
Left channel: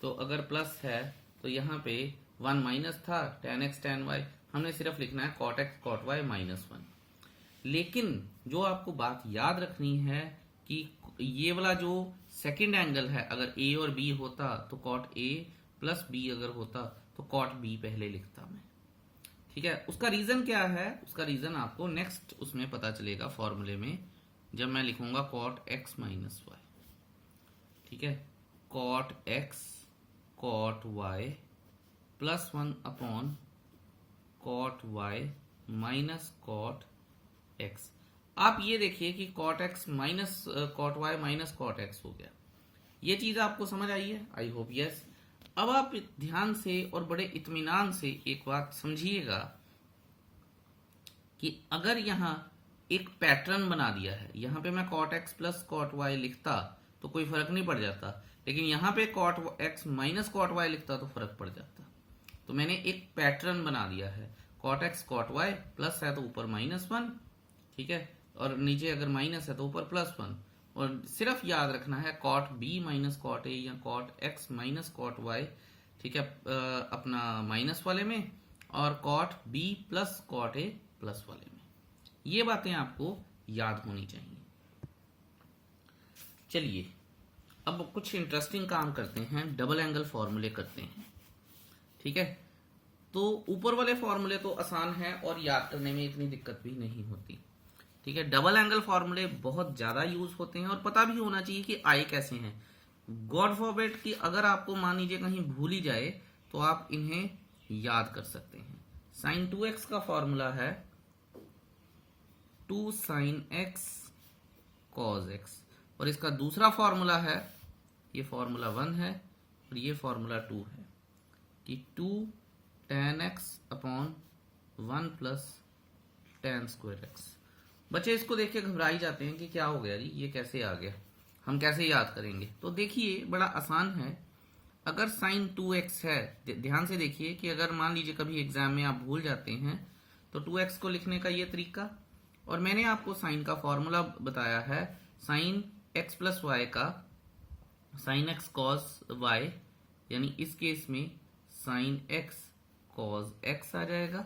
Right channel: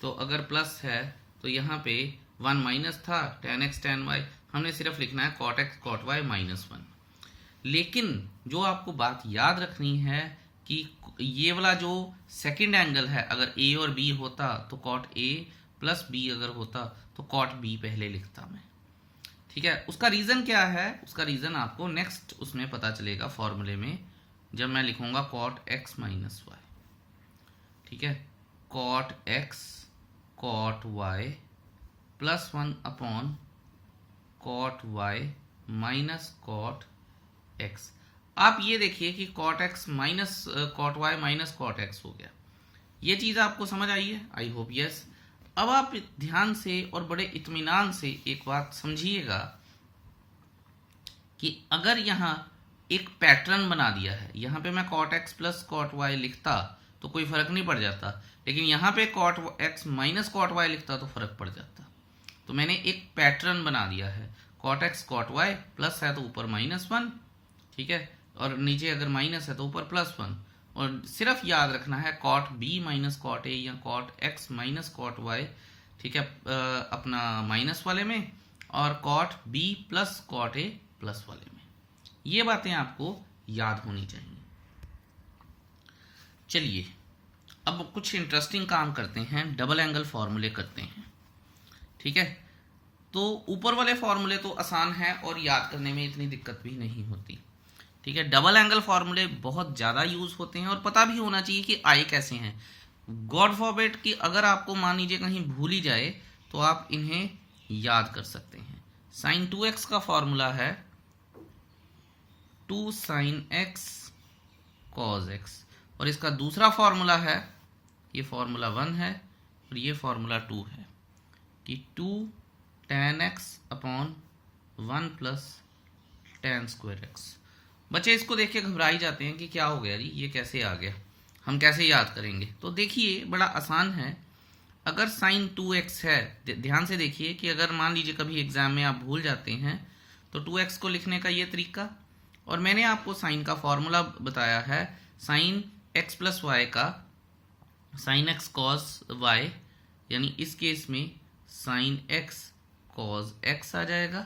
तो अगर प्लस है तो यहाँ पे 1 माइनस था tan x tan y, हमने सिर्फ लिखना है cot x cot y minus 1। लेकिन जो आपको बात याद रखनी है कि ये वाला जो सेकंड एंगल है, अगर a और b होता तो cot a प्लस b अगर होता तो cot b पहले लिखता मैं। ठीक है, उसका रीजन क्या है, उसका रीजन आपको नेक्स्ट उसमें पता चलेगा फॉर्मूले में, जब मैं लिखूंगा cot x माइनस y। ठीक है, cot x cot y plus 1 upon cot y minus cot x। आप ये देखिए कि cot x minus cot y minus cot x हो गया। ये चीज आपको समझ आई है? I hope yes. अब आप ध्यान से और बड़े इत्मीनान से एक बात समझिएगा कि अगर यहाँ एक पैटर्न बना दिया है, यहाँ पे मैं cot x plus cot y लिखता तो कोई फर्क नहीं पड़ जाता, लेकिन यहाँ पे cot x minus cot y लिखता तो फर्क पड़ जाता। तो मैंने एक पैटर्न बना दिया है, cot x cot y plus है तो ऊपर माइनस 1, ठीक है, और नीचे अगर माइनस है तो ऊपर प्लस 1। और सिर्फ याद रखना है cot b minus cot a या cot x minus cot y, ठीक है, अपना माइनस वाले में, और cot b plus cot a plus वाले में। ये बातें आपको याद होनी चाहिए। चलिए अब कुछ इंटरेस्टिंग काम करते हैं, डबल एंगल फॉर्मूले करते हैं। ठीक है, तो ऊपर वाले फॉर्मूले तो आसान है और याद करने में इतनी दिक्कत भी नहीं होती। ठीक है, डबल एंगल फॉर्मूले बहुत ज़्यादा यूज होते हैं और पता भी होना चाहिए कि आए कैसे हैं। गॉड फॉरबिड कि अगर आपको मान लीजिए कहीं भूल ही जाए तो आप इन्हें याद कर सकते हैं। साइन 2x का फॉर्मूला है 2 sin x cos x, और इसका दूसरा फॉर्मूला है, ये फॉर्मूला 1 है और ये फॉर्मूला 2 है कि 2 tan x upon 1 plus tan square x। बच्चे इसको देख के घबरा ही जाते हैं कि क्या हो गया जी, ये कैसे आ गया, हम कैसे याद करेंगे। तो देखिए बड़ा आसान है। अगर साइन 2x है, ध्यान से देखिए कि अगर मान लीजिए कभी एग्जाम में आप भूल जाते हैं तो 2x को लिखने का ये तरीका, और मैंने आपको साइन का फॉर्मूला बताया है साइन x प्लस वाई का, साइन x कॉस y, यानी इस केस में साइन x कॉस x आ जाएगा,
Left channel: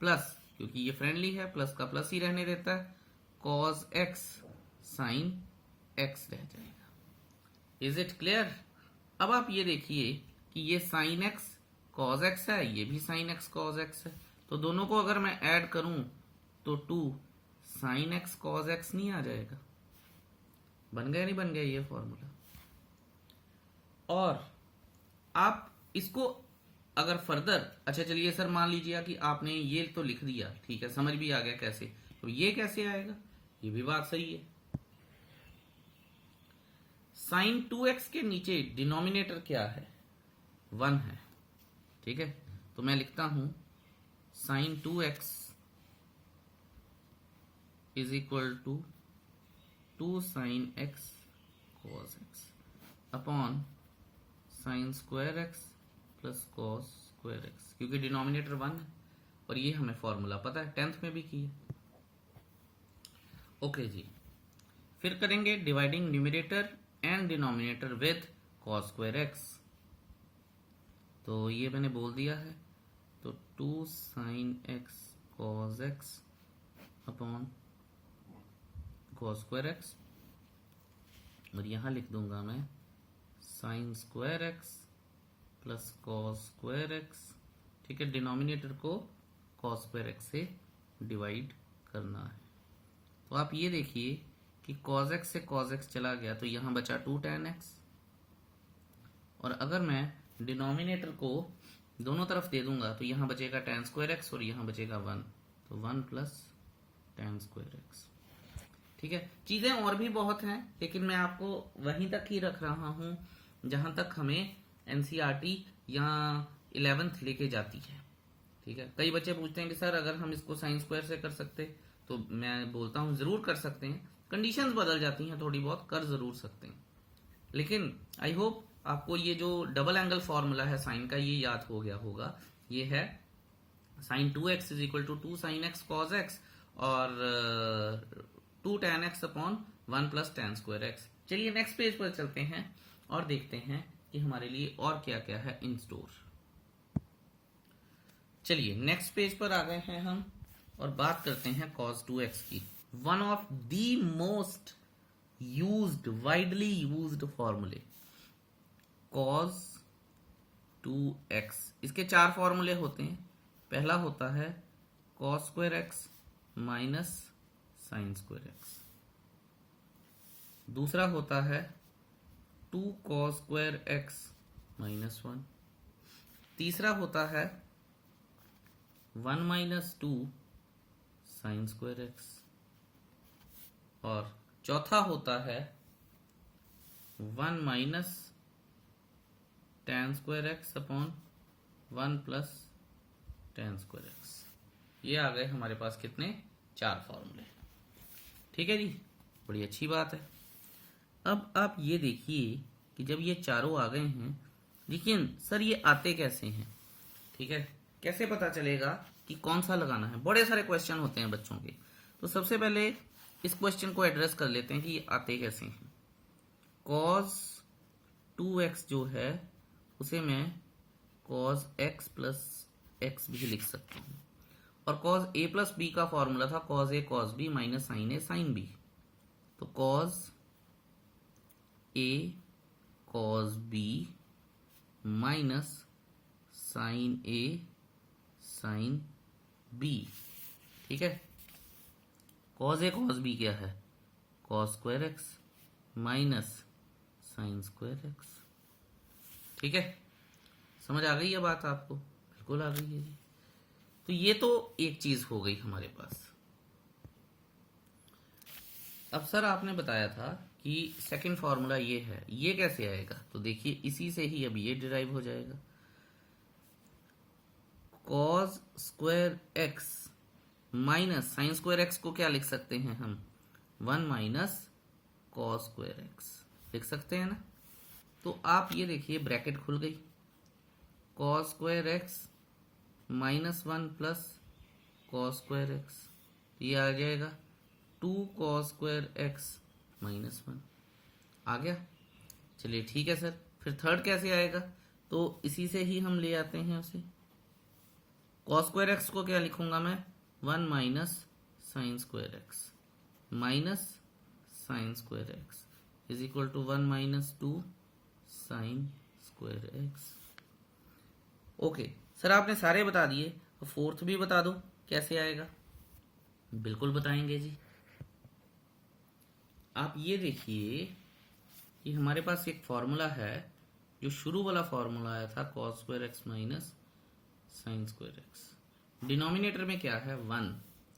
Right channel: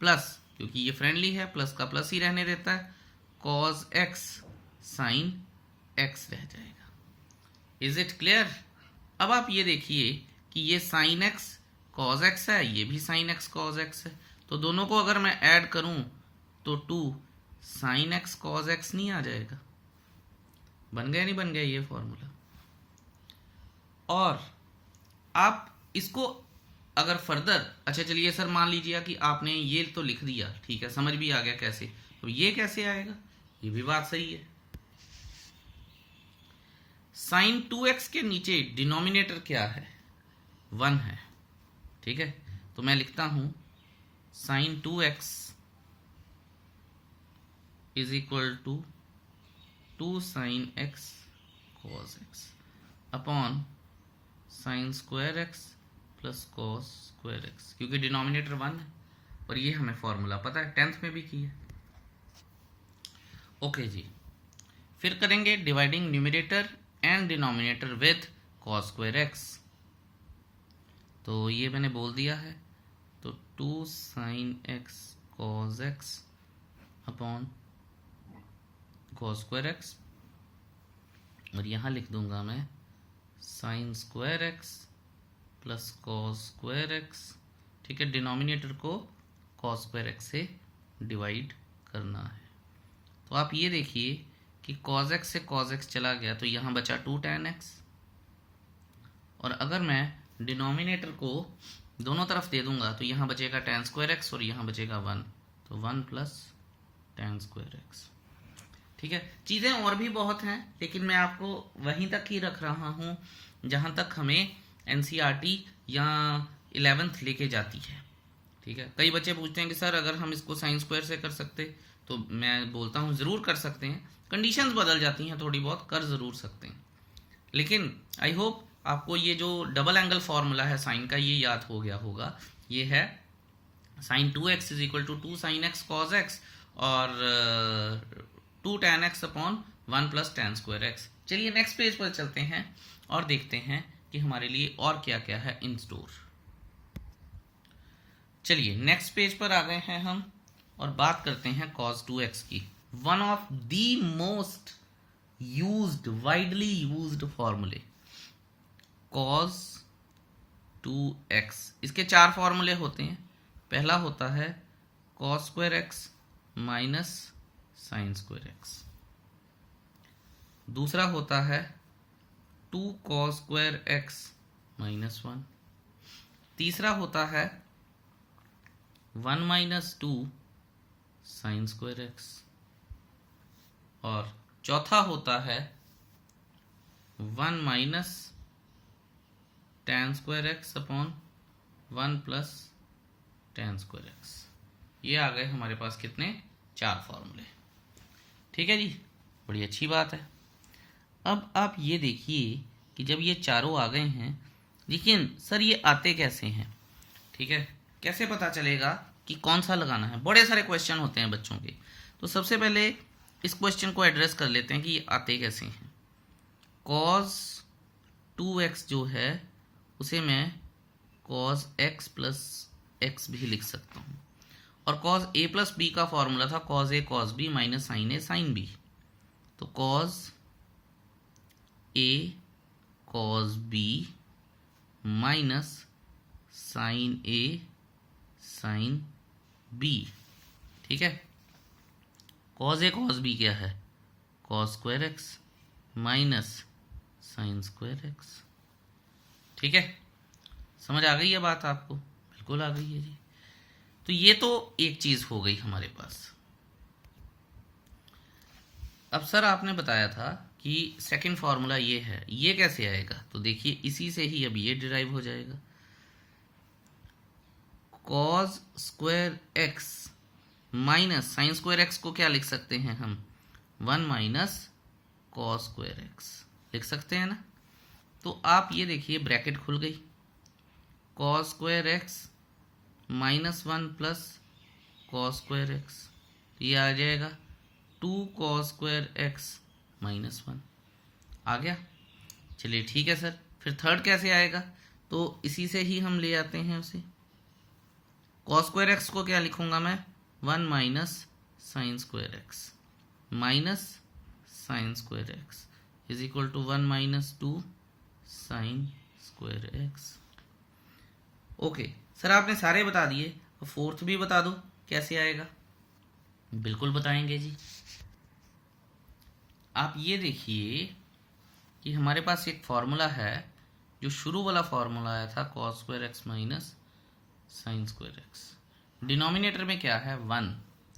प्लस क्योंकि ये फ्रेंडली है प्लस का प्लस ही रहने देता है, cos x sin x रह जाएगा। Is it clear? अब आप ये देखिए कि ये sin x cos x है, ये भी sin x cos x है, तो दोनों को अगर मैं ऐड करूं तो 2 sin x cos x नहीं आ जाएगा? बन गया नहीं बन गया ये फॉर्मूला? और आप इसको अगर फर्दर, अच्छा चलिए सर मान लीजिए कि आपने ये तो लिख दिया, ठीक है, समझ भी आ गया कैसे, तो ये कैसे आएगा? ये भी बात सही है। साइन 2x के नीचे डिनोमिनेटर क्या है? 1 है। ठीक है, तो मैं लिखता हूं sine 2x is equal to 2 sine x cos x upon sine square x plus cos square x, क्योंकि डिनोमिनेटर 1 है और ये हमें फॉर्मूला पता है, 10th में भी किया। ओके जी, फिर करेंगे dividing numerator and denominator with cos square x। तो ये मैंने बोल दिया है, तो 2 sin x cos x upon cos square x, और यहाँ लिख दूंगा मैं sign square x plus cos square x. ठीक है, डिनोमिनेटर को कॉस स्क्वायर एक्स से डिवाइड करना है। तो आप ये देखिए कि कॉस एक्स से कॉस एक्स चला गया तो यहाँ बचा 2 tan एक्स, और अगर मैं डिनोमिनेटर को दोनों तरफ दे दूंगा तो यहाँ बचेगा tan स्क्वायर एक्स और यहाँ बचेगा 1, तो 1 प्लस tan स्क्वायर एक्स। ठीक है, चीज़ें और भी बहुत हैं लेकिन मैं आपको वहीं तक ही रख रहा हूँ जहाँ तक हमें एनसीईआरटी या 11th लेके जाती है। ठीक है, कई बच्चे पूछते हैं कि सर अगर हम इसको साइन स्क्वायर से कर सकते, तो मैं बोलता हूँ ज़रूर कर सकते हैं, कंडीशंस बदल जाती हैं थोड़ी बहुत, कर ज़रूर सकते हैं, लेकिन आई होप आपको ये जो डबल एंगल फॉर्मूला है साइन का ये याद हो गया होगा। ये है sine 2x is equal to 2 sin x cos x और 2 tan x upon 1 plus tan square x. चलिए नेक्स्ट पेज पर चलते हैं और देखते हैं कि हमारे लिए और क्या क्या है इन स्टोर। चलिए नेक्स्ट पेज पर आ गए हैं हम और बात करते हैं cos 2x की। One of the most used, widely used फॉर्मूले cos 2x। इसके 4 फॉर्मूले होते हैं। पहला होता है cos square x minus sine square x, दूसरा होता है 2 cos स्क्वायर एक्स माइनस 1, तीसरा होता है 1 माइनस 2 साइन स्क्वायर एक्स, और चौथा होता है 1 minus tan square x upon 1 plus tan square x. ये आ गए हमारे पास कितने, 4 फॉर्मूले। ठीक है जी, बड़ी अच्छी बात है। अब आप ये देखिए कि जब ये चारों आ गए हैं, लेकिन सर ये आते कैसे हैं। ठीक है, कैसे पता चलेगा कि कौन सा लगाना है। बड़े सारे क्वेश्चन होते हैं बच्चों के, तो सबसे पहले इस क्वेश्चन को एड्रेस कर लेते हैं कि ये आते कैसे हैं। cos 2x जो है उसे मैं cos x प्लस एक्स भी लिख सकता हूँ, और cos a प्लस बी का फॉर्मूला था cos a cos b minus sine a sine b, तो cos a cos b minus sine a sine b। ठीक है, cos a cos b क्या है, cos square x minus sine square x. ठीक है, समझ आ गई है बात आपको, बिल्कुल आ गई है जी। तो ये तो एक चीज हो गई हमारे पास। अब सर आपने बताया था कि सेकंड फॉर्मूला ये है, ये कैसे आएगा, तो देखिए इसी से ही अब ये डिराइव हो जाएगा। cos square x minus sine square x को क्या लिख सकते हैं हम, 1 माइनस cos स्क्वायर एक्स लिख सकते हैं ना। तो आप ये देखिए ब्रैकेट खुल गई, cos square x minus 1 plus cos square x, ये आ जाएगा 2 cos स्क्वायर एक्स माइनस 1 आ गया। चलिए ठीक है सर, फिर थर्ड कैसे आएगा, तो इसी से ही हम ले आते हैं उसे। cos स्क्वायर एक्स को क्या लिखूंगा मैं, 1 minus sine square x minus sine square x is equal to 1 minus 2 sine square x. Okay sir, आपने सारे बता दिए, तो फोर्थ भी बता दो कैसे आएगा। बिल्कुल बताएंगे जी। आप ये देखिए कि हमारे पास एक फॉर्मूला है, जो शुरू वाला फॉर्मूला आया था cos square x minus sine square x. Denominator में क्या है, 1,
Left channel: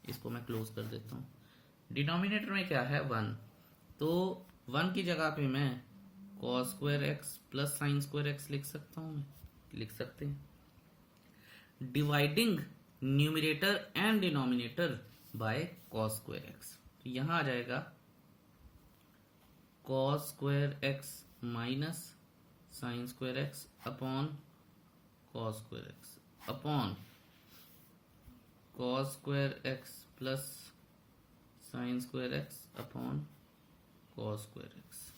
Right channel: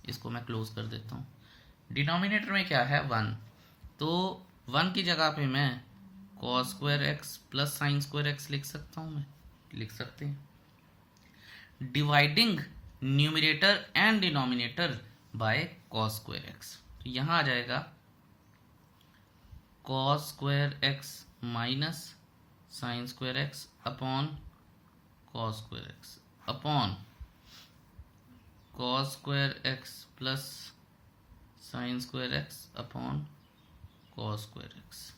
इसको मैं क्लोज कर देता हूँ। डिनोमिनेटर में क्या है, 1, तो 1 की जगह पे मैं cos square x plus sign square x लिख सकता हूँ, मैं लिख सकते हैं। Dividing numerator and denominator by cos square x, तो यहाँ आ जाएगा cos square x minus sine square x upon cos square x upon cos square x plus sign square x upon cos square x.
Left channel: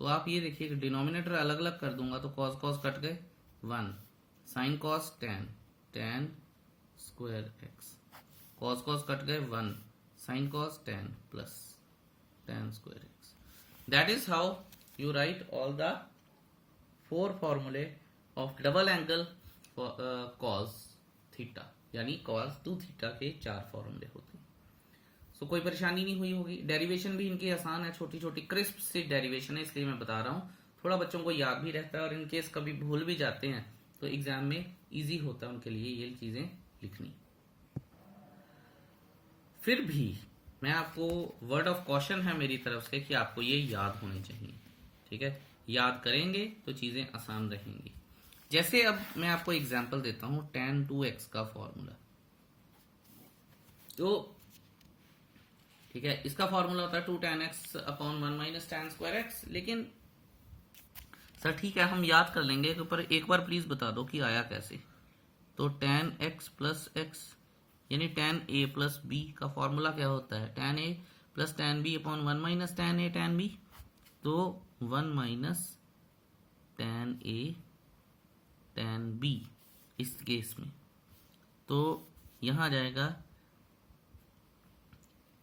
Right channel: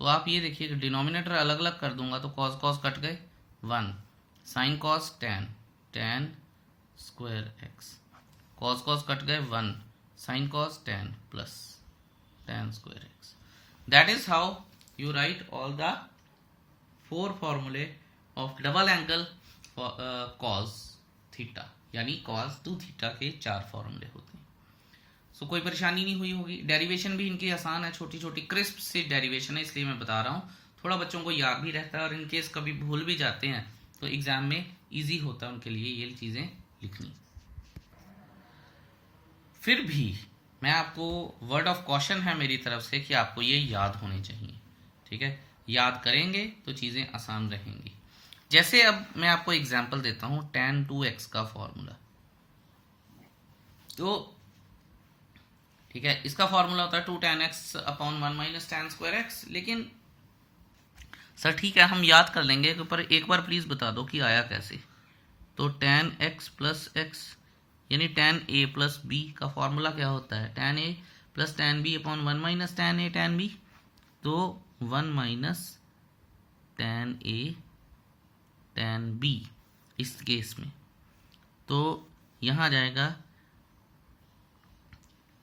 तो आप ये देखिए डिनोमिनेटर अलग अलग कर दूंगा तो cos cos कट गए, 1 sine cos tan tan square x, cos cos cut गए, 1 sin cos tan plus tan square x. That is how you write all the 4 formulae of double angle for cos theta, यानी cos 2 theta के 4 फॉर्मूले होते हैं। सो कोई परेशानी नहीं हुई होगी। डेरिवेशन भी इनकी आसान है, छोटी छोटी क्रिस्प सी डेरिवेशन है, इसलिए मैं बता रहा हूँ। थोड़ा बच्चों को याद भी रहता है और इनकेस कभी भूल भी जाते हैं तो एग्जाम में इजी होता है उनके लिए ये चीज़ें लिखनी। फिर भी मैं आपको वर्ड ऑफ कॉशन है मेरी तरफ से कि आपको ये याद होने चाहिए, ठीक है। याद करेंगे तो चीज़ें आसान रहेंगी। जैसे अब मैं आपको एग्जांपल देता हूं tan 2x का फॉर्मूला। तो ठीक है, इसका फॉर्मूला होता है 2 tan x upon 1 minus tan square x। लेकिन सर ठीक है, हम याद कर लेंगे, पर एक बार प्लीज बता दो कि आया कैसे। तो tan x प्लस x यानी tan a प्लस b का फॉर्मूला क्या होता है, tan a plus tan b upon 1 minus tan a tan b। तो 1 minus tan a tan b इस केस में, तो यहाँ आ जाएगा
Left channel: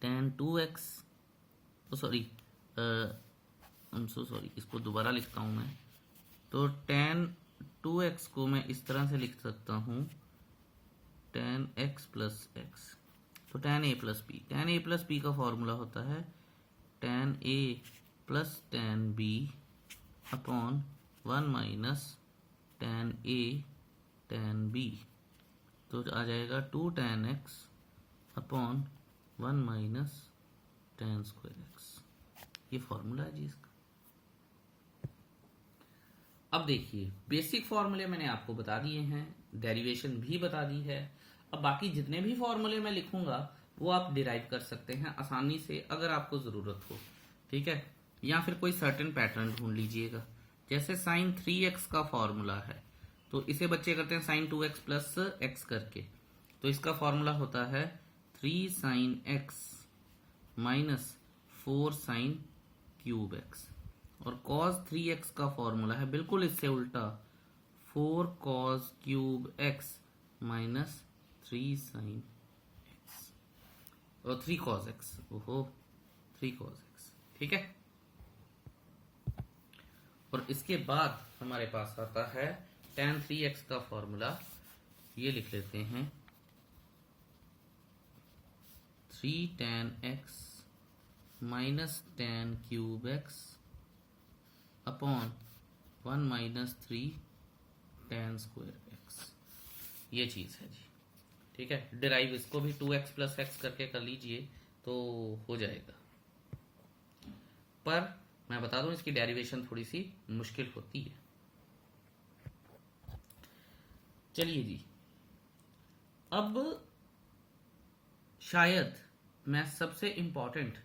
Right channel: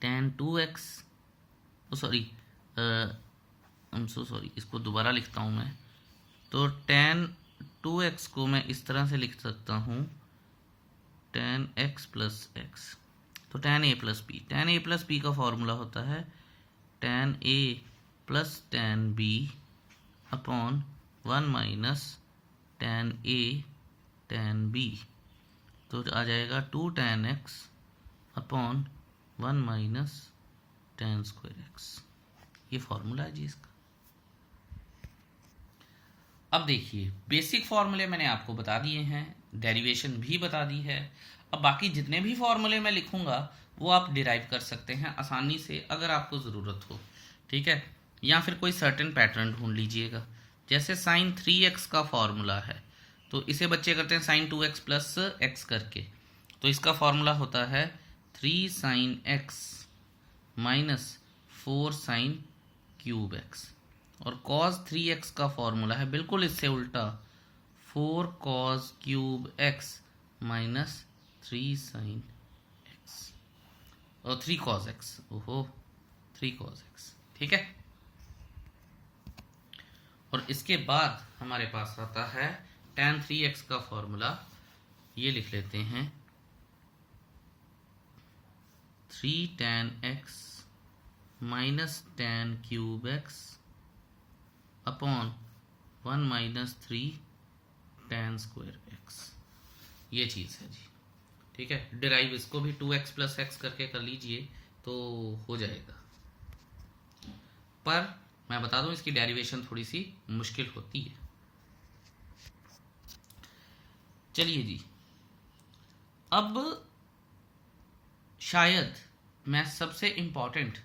tan 2x, sorry I am so sorry, इसको दोबारा लिखता हूँ मैं। तो tan 2x को मैं इस तरह से लिख सकता हूँ tan x प्लस x। तो tan a plus b, tan a plus b का फॉर्मूला होता है tan a plus tan b upon 1 minus tan a tan b। तो आ जाएगा 2 tan x upon 1 minus tan square x। ये फॉर्मूला है जी इसका। अब देखिए, बेसिक फॉर्मूले मैंने आपको बता दिए हैं, डेरिवेशन भी बता दी है। अब बाकी जितने भी फॉर्मूले मैं लिखूंगा वो आप डिराइव कर सकते हैं आसानी से अगर आपको ज़रूरत हो, ठीक है। या फिर कोई सर्टेन पैटर्न ढूंढ लीजिएगा। जैसे sin 3x का फॉर्मूला है, तो इसे बच्चे करते हैं sin 2x प्लस x करके। तो इसका फॉर्मूला होता है 3 sin x minus 4 sin cube x। और cos 3x का फॉर्मूला है बिल्कुल इससे उल्टा, 4 cos cube x minus 3 sin x और 3 cos x। ओहो, 3 cos x, ठीक है। और इसके बाद हमारे पास आता है tan 3x का फॉर्मूला, ये लिख लेते हैं 3 tan x minus tan cube x upon 1 minus 3 tan square x। ये चीज़ है जी, ठीक है। डिराइव इसको भी 2x प्लस x करके कर लीजिए तो हो जाएगा। पर मैं बता दूं इसकी डेरिवेशन थोड़ी सी मुश्किल होती है। चलिए जी, अब शायद मैं सबसे इम्पॉर्टेंट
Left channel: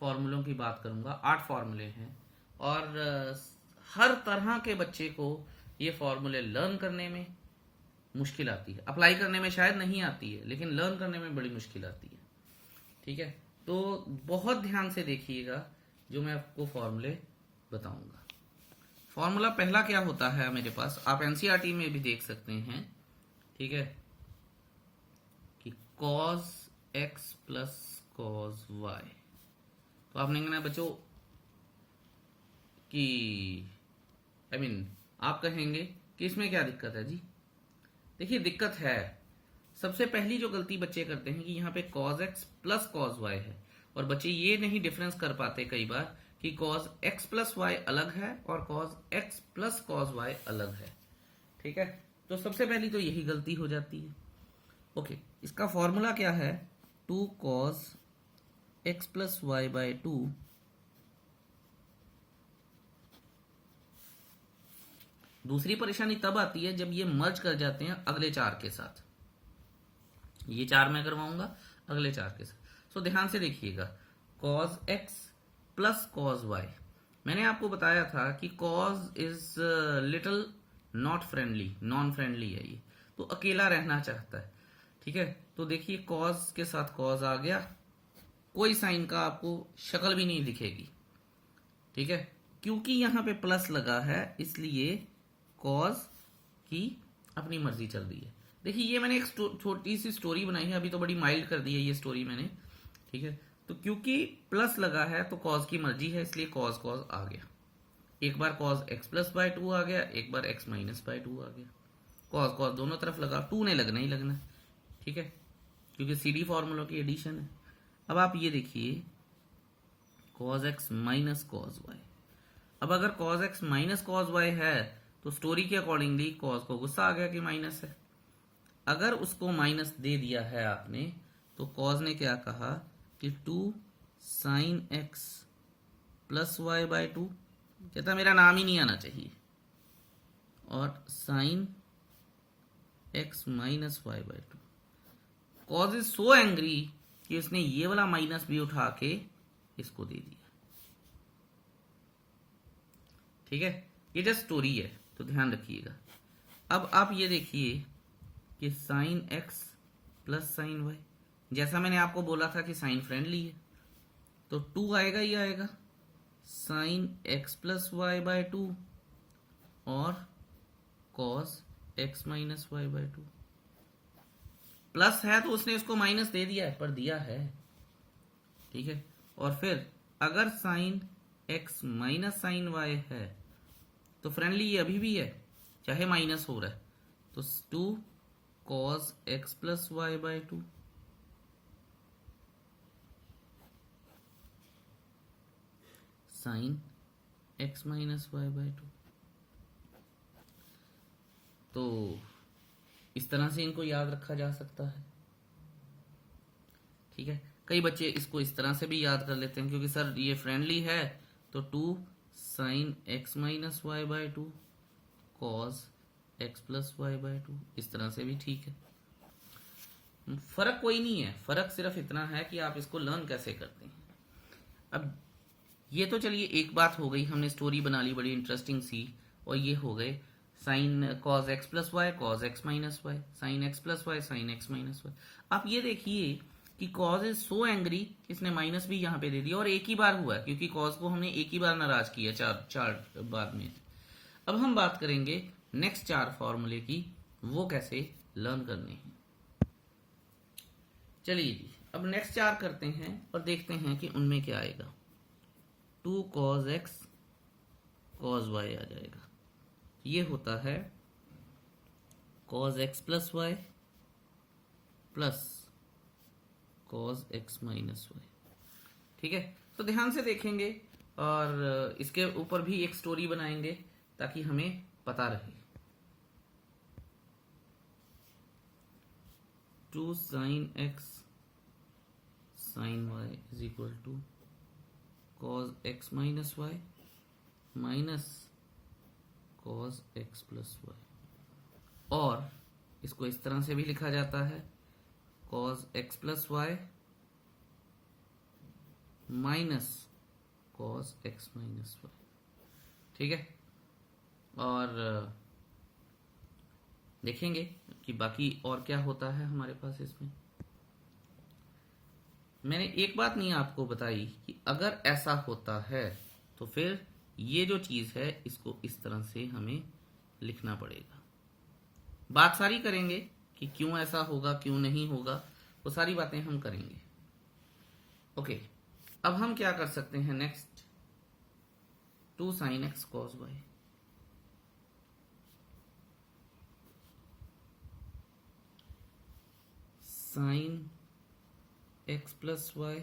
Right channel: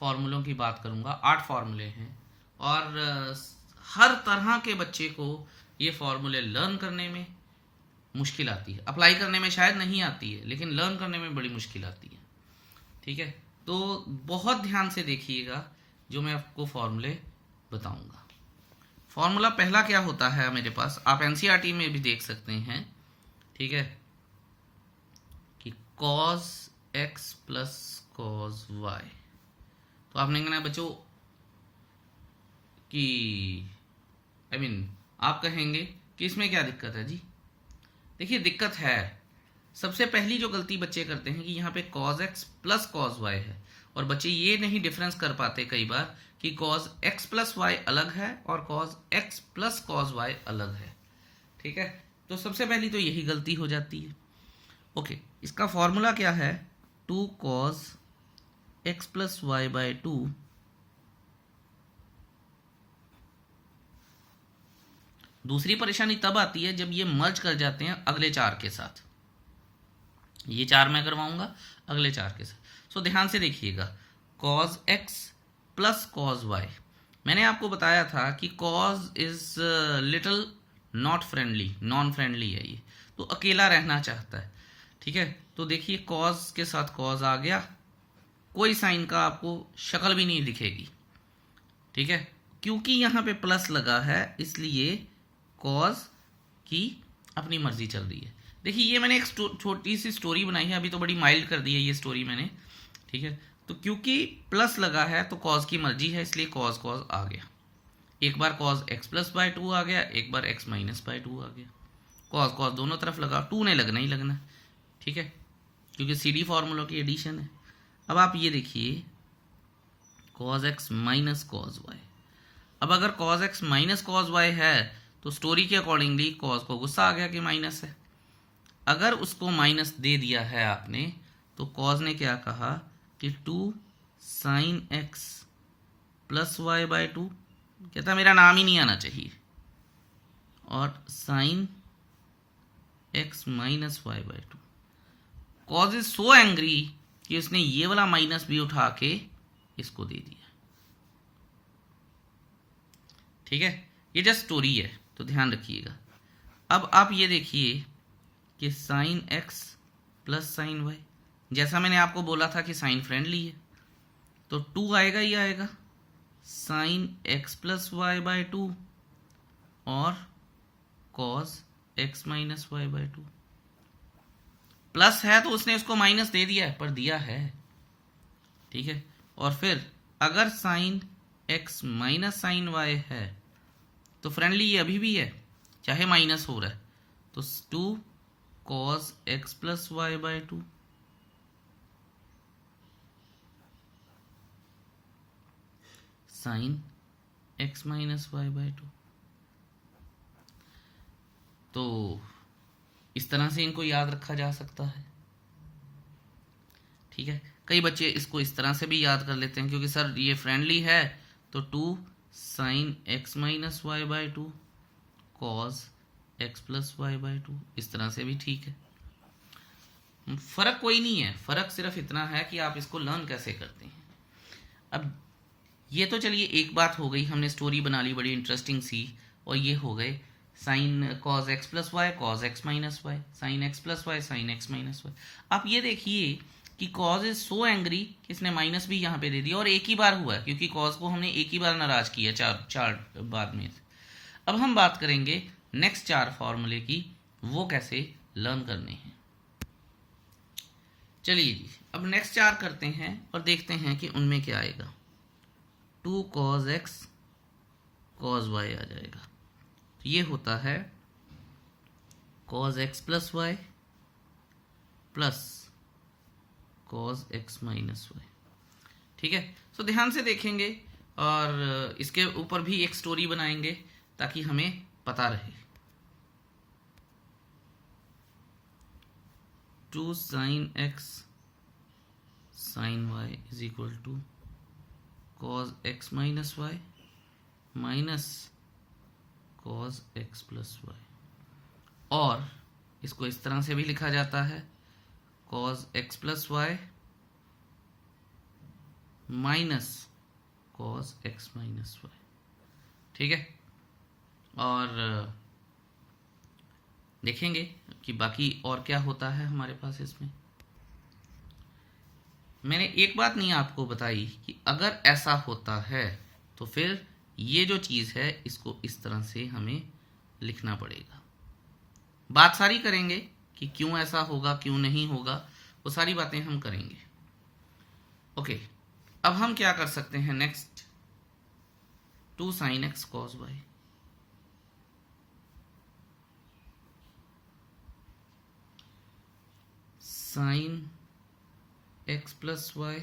फॉर्मूलों की बात करूंगा। 8 फॉर्मूले हैं और हर तरह के बच्चे को ये फॉर्मूले लर्न करने में मुश्किल आती है। अप्लाई करने में शायद नहीं आती है, लेकिन लर्न करने में बड़ी मुश्किल आती है, ठीक है। तो बहुत ध्यान से देखिएगा जो मैं आपको फॉर्मूले बताऊंगा। फॉर्मूला पहला क्या होता है मेरे पास, आप एनसीईआरटी में भी देख सकते हैं, ठीक है, कि cos x plus cos y। तो आपने कहना बच्चों कि आप कहेंगे कि इसमें क्या दिक्कत है जी। देखिए दिक्कत है, सबसे पहली जो गलती बच्चे करते हैं कि यहाँ पे cos x plus cos y है, और बच्चे ये नहीं डिफरेंस कर पाते कई बार कि cos x प्लस y अलग है और cos x plus cos y अलग है, ठीक है। तो सबसे पहली तो यही गलती हो जाती है। ओके, इसका फॉर्मूला क्या है, 2 cos x plus y by 2 दूसरी परेशानी तब आती है जब ये मर्ज कर जाते हैं अगले 4 के साथ। ये 4 मैं करवाऊंगा अगले 4 के साथ। सो ध्यान से देखिएगा, cos x plus cos y, मैंने आपको बताया था कि cos is little not friendly, non friendly है, ये तो अकेला रहना चाहता है, ठीक है। तो देखिए cos के साथ cos आ गया, कोई साइन का आपको शक्ल भी नहीं दिखेगी, ठीक है। क्योंकि यहाँ पे प्लस लगा है इसलिए cos की अपनी मर्जी चल रही है। देखिए ये मैंने एक छोटी सी स्टोरी बनाई है, अभी तो बड़ी माइल्ड कर दी है ये स्टोरी मैंने, ठीक है, तो क्योंकि प्लस लगा है तो कॉज की मर्जी है, इसलिए कॉज कॉज आ गया। एक बार कॉज एक्स प्लस बाय 2 आ गया, एक बार एक्स माइनस बाय 2 आ गया। कॉज कॉज दोनों तरफ लगा, 2 ने लगना ही लगना, ठीक है, क्योंकि CD फॉर्मूलों की एडिशन है। अब आप ये देखिए cos x minus cos y. अब अगर cos x minus cos y है तो स्टोरी के अकॉर्डिंगली कॉज को गुस्सा आ गया कि माइनस है। अगर उसको माइनस दे दिया है आपने तो कॉज ने क्या कहा कि 2 sine x plus y by 2, कहता मेरा नाम ही नहीं आना चाहिए, और sine x minus y by 2। Cos is so angry कि उसने ये वाला माइनस भी उठा के इसको दे दिया, ठीक है। ये जस्ट स्टोरी है तो ध्यान रखिएगा। अब आप ये देखिए कि sine x plus sine y, जैसा मैंने आपको बोला था कि साइन फ्रेंडली है तो 2 आएगा ही आएगा, sine x plus y by 2 और cos x minus y by 2। Plus है तो उसने उसको माइनस दे दिया है, पर दिया है, ठीक है। और फिर अगर sine x minus sine y है तो फ्रेंडली ये अभी भी है, चाहे माइनस हो रहा है, तो 2 cos x plus y by 2 sine x minus y by 2। तो इस तरह से इनको याद रखा जा सकता है, ठीक है। कई बच्चे इसको इस तरह से भी याद कर लेते हैं, क्योंकि सर ये फ्रेंडली है तो 2 sine x minus y by 2 cos x plus y by 2, इस तरह से भी ठीक है। फर्क कोई नहीं है, फर्क सिर्फ इतना है कि आप इसको लर्न कैसे करते हैं। अब ये तो चलिए एक बात हो गई, हमने स्टोरी बना ली बड़ी इंटरेस्टिंग सी, और ये हो गए sine cos x plus y cos x minus y, sine x plus Y sine x minus y. आप ये देखिए कि कॉज इज सो एंग्री कि इसने माइनस भी यहाँ पे दे दिया, और एक ही बार हुआ है क्योंकि कॉज को हमने एक ही बार नाराज किया चार बाद में। अब हम बात करेंगे नेक्स्ट 4 फॉर्मूले की, वो कैसे लर्न करने हैं। चलिए जी, अब नेक्स्ट 4 करते हैं और देखते हैं कि उनमें क्या आएगा। 2 कॉज एक्स कॉज वाई आ जाएगा, तो ये होता है cos x plus y plus cos x minus y, ठीक है। तो ध्यान से देखेंगे और इसके ऊपर भी एक स्टोरी बनाएंगे ताकि हमें पता रहे। 2 sine x sine y is equal to cos x minus y minus cos x plus y, और इसको इस तरह से भी लिखा जाता है cos x plus y minus cos x minus y, ठीक है। और देखेंगे कि बाकी और क्या होता है हमारे पास इसमें। मैंने एक बात नहीं आपको बताई कि अगर ऐसा होता है तो फिर ये जो चीज़ है इसको इस तरह से हमें लिखना पड़ेगा। बात सारी करेंगे कि क्यों ऐसा होगा क्यों नहीं होगा, वो सारी बातें हम करेंगे। ओके, अब हम क्या कर सकते हैं next, 2 sine x cos y, sine x plus y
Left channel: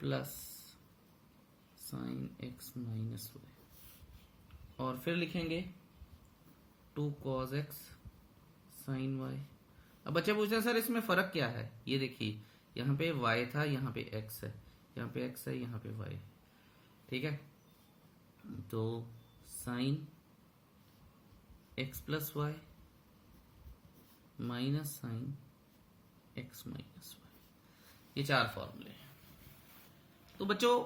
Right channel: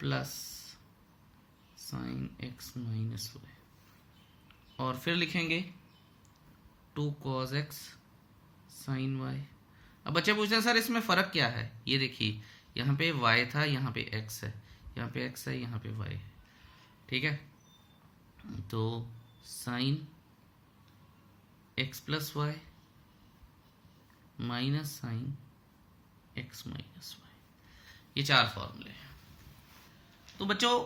plus sine x minus y, और फिर लिखेंगे 2 कॉस एक्स साइन वाई। अब बच्चे पूछते हैं सर इसमें फ़र्क क्या है, ये देखिए यहाँ पे y था, यहाँ पे x है, यहाँ पे x है, यहाँ पे y है, ठीक है। तो sine x plus y minus sine x minus y, ये 4 फॉर्मूले हैं। तो बच्चों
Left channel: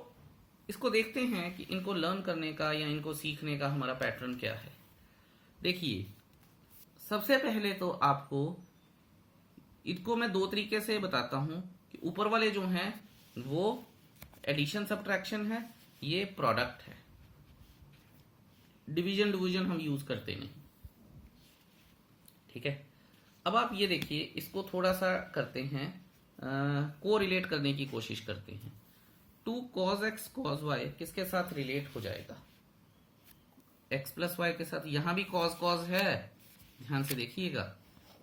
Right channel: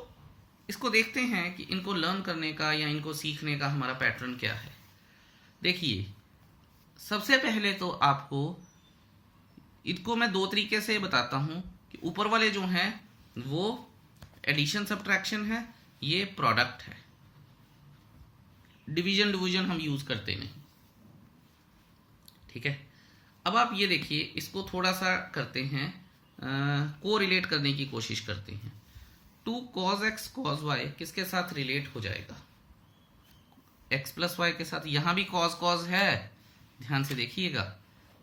इसको देखते हैं कि इनको लर्न करने का या इनको सीखने का हमारा पैटर्न क्या है। देखिए सबसे पहले तो आपको इनको मैं 2 तरीके से बताता हूं कि ऊपर वाले जो हैं वो एडिशन सब्ट्रैक्शन है, ये प्रोडक्ट है, डिवीजन डिवीजन हम यूज करते नहीं, ठीक है। अब आप ये देखिए इसको थोड़ा सा करते हैं को रिलेट करने की कोशिश करते हैं। 2 cos x cos y किसके साथ रिलेट हो जाएगा? x प्लस वाई के साथ। यहां भी cos cos है, ध्यान से देखिएगा,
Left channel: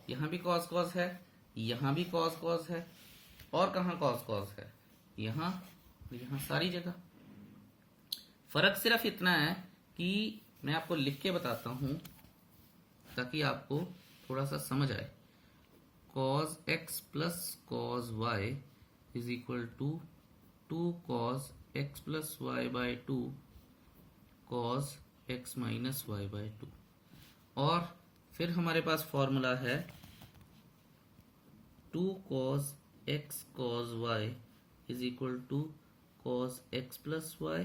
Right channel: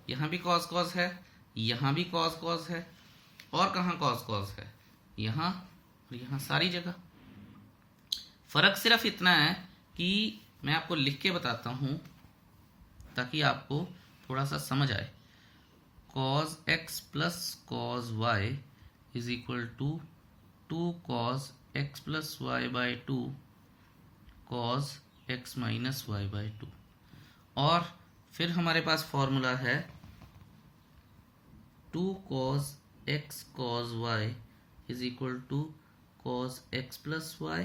यहां भी cos cos है, यहां भी cos cos है, और कहां cos cos है? यहां और यहां, सारी जगह। फर्क सिर्फ इतना है कि मैं आपको लिख के बताता हूं ताकि आपको थोड़ा सा समझ आए। cos x plus cos y is equal to 2 cos x plus y by 2 cos x minus y by 2। और फिर हमारे पास फॉर्मूला है 2 cos x cos y is equal to cos x plus y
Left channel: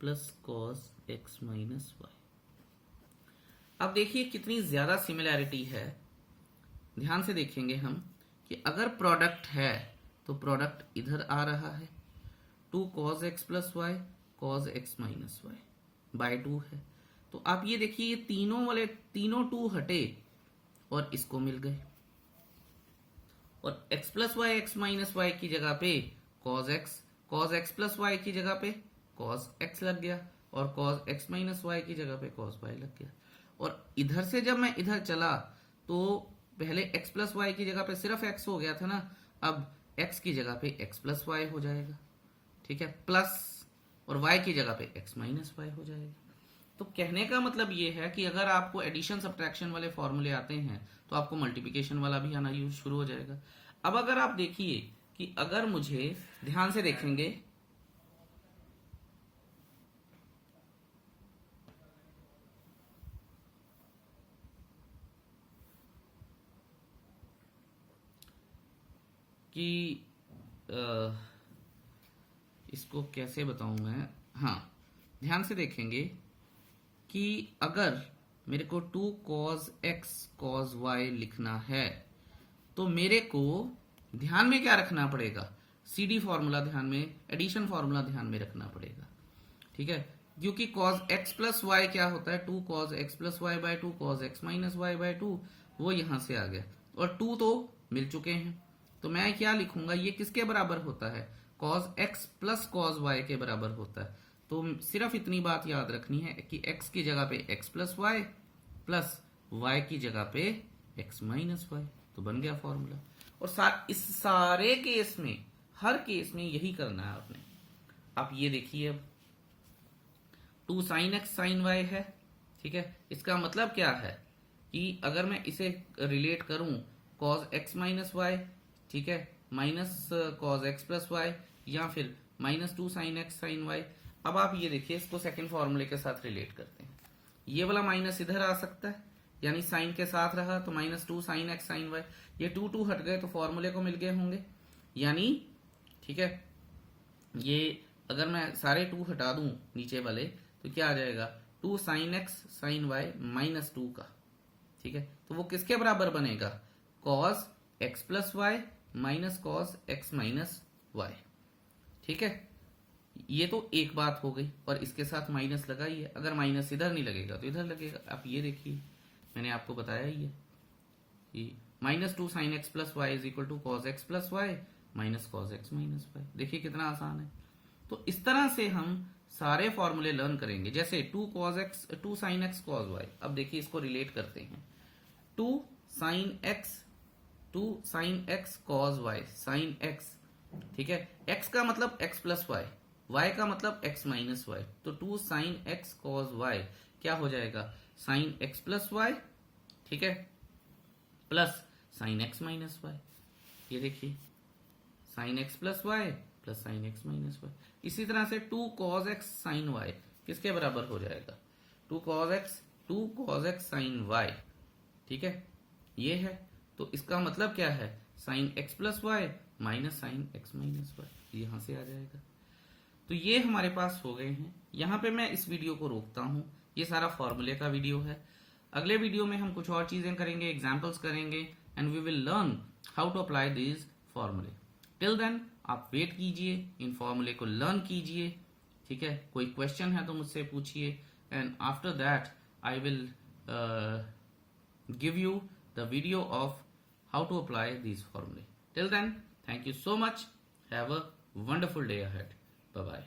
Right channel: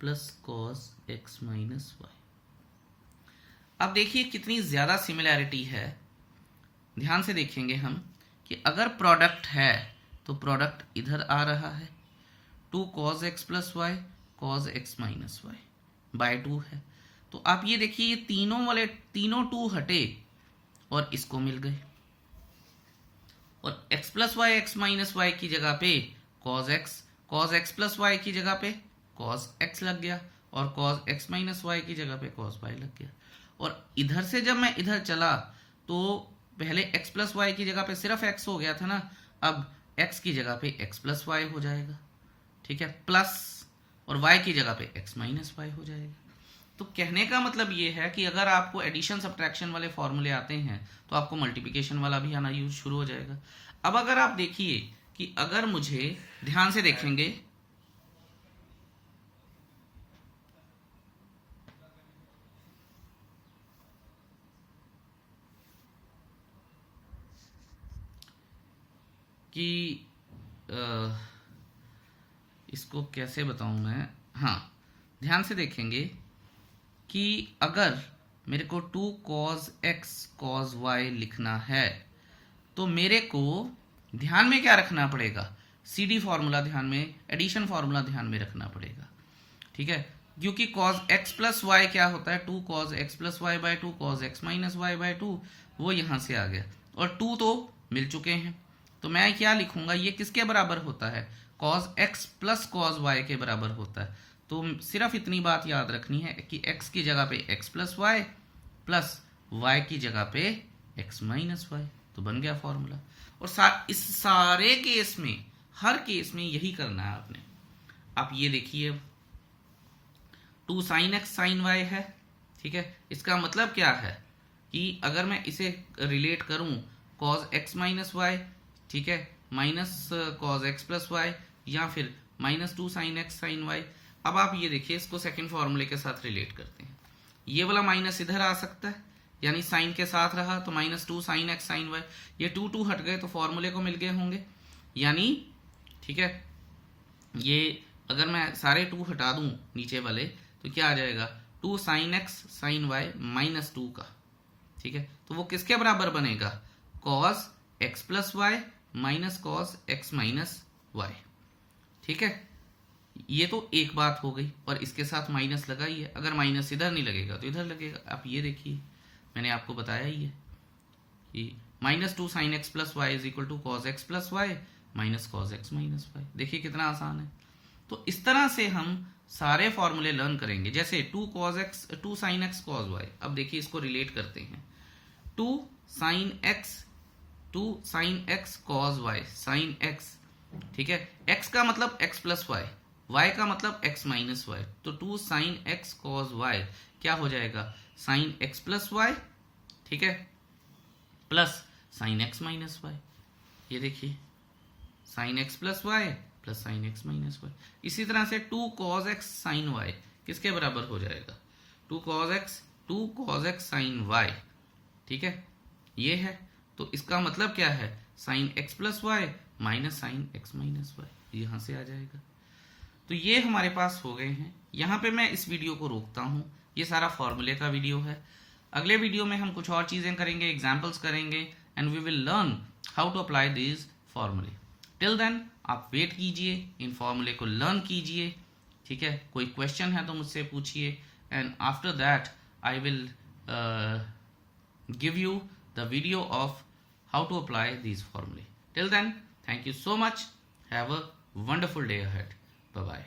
plus cos x minus y. अब देखिए कितनी ज्यादा सिमिलैरिटी है। ध्यान से देखेंगे हम कि अगर प्रोडक्ट है तो प्रोडक्ट इधर आ रहा है, 2 cos x plus y cos x minus y by 2 है। तो आप ये देखिए, ये तीनों वाले तीनों 2 हटे और इसको मिल गए, और x plus y x minus y की जगह पे cos x प्लस वाई की जगह पे cos x लग गया, और cos x माइनस वाई की जगह पे cos y लग गया। और इधर से जब मैं इधर चला तो पहले x प्लस वाई की जगह पे सिर्फ x हो गया था ना, अब x की जगह पे x प्लस वाई हो जाएगा, ठीक है, प्लस, और y की जगह पे x माइनस वाई हो जाएगा। तो कहने का मतलब ये है कि अगर आपको एडिशन सब्ट्रैक्शन वाले फॉर्मूले आते हैं तो आपको मल्टीप्लिकेशन वाला भी आना यूज शुरू हो जाएगा। अब अगर आप देखिए कि अगर मुझे, ध्यान से देखेंगे, कि इसको कैसे बताऊं मैं, हाँ, ध्यान से देखेंगे कि अगर मेरे को 2 cos x cos y लिखना है तो मेरे को ध्यान में क्या रखना पड़ेगा? CD फॉर्मूला ध्यान में, एडिशन फॉर्मूला ध्यान में रखना पड़ेगा, ठीक है, क्योंकि cos x प्लस वाई क्या होता है? 2 cos x plus y by 2 cos x minus y by 2, वो यहां से आ गया, और 2 तो मिल चुके हैं। तो मैं क्या लिखूंगा? ये किसके बराबर होता है? cos x plus cos y के बराबर होता है। तो सिर्फ इतनी बात याद रखनी है कि x की जगह पे x plus y plus y की जगह पे x माइनस वाई, तो बन गया फॉर्मूला। और इस सारे केस में, हर केस में यही करना है आपने। आप ये देखिए, 2 sin x sin y है, ठीक है, इसका मतलब क्या है कि अगर मैं इसे रिलेट करूं cos x माइनस वाई, ठीक है, minus cos x plus y, या फिर minus 2 sin x sin y। अब आप ये देखिए, इसको सेकंड फॉर्मूले के साथ रिलेट करते हैं। ये वाला माइनस इधर आ सकता है, यानी साइन के साथ रहा तो minus 2 sin x sin y, ये 2 हट गए तो फॉर्मूले को मिल गए होंगे, यानी, ठीक है, ये अगर मैं सारे 2 हटा दूं नीचे वाले तो क्या आ जाएगा? 2 sin x sin y minus 2 का, ठीक है, तो वो किसके बराबर बनेगा? cos x plus y minus cos x minus y, ठीक है। ये तो एक बात हो गई, और इसके साथ माइनस लगाइए, अगर माइनस इधर नहीं लगेगा तो इधर लगेगा। आप ये देखिए, मैंने आपको बताया ही है कि minus 2 sin x plus y is equal to cos x plus y minus cos x minus y. देखिए कितना आसान है। तो इस तरह से हम सारे फॉर्मूले लर्न करेंगे। जैसे 2 sin x cos y, अब देखिए इसको रिलेट करते हैं। 2 sin x cos y sin x, ठीक है, x का मतलब x प्लस वाई, y का मतलब x माइनस वाई, तो 2 sin x cos y क्या हो जाएगा? sin x प्लस वाई, ठीक है, plus sin x minus y. ये देखिए, sin x plus y plus sin x minus y. इसी तरह से 2 cos x sin y किसके बराबर हो जाएगा? 2 cos x sin y, ठीक है, ये है। तो इसका मतलब क्या है? sin x plus y minus sin x minus y, यहां से आ जाएगा। तो ये हमारे पास हो गए हैं। यहाँ पे मैं इस वीडियो को रोकता हूँ, ये सारा फॉर्मूले का वीडियो है। अगले वीडियो में हम कुछ और चीज़ें करेंगे, एग्जाम्पल्स करेंगे, and we will learn how to apply this फॉर्मूले। टिल देन आप वेट कीजिए, इन फॉर्मूले को लर्न कीजिए, ठीक है। कोई क्वेश्चन है तो मुझसे पूछिए, and after that I will give you the video of how to apply this फॉर्मूले। Till then, Thank you so much. Have a wonderful day ahead. Bye bye.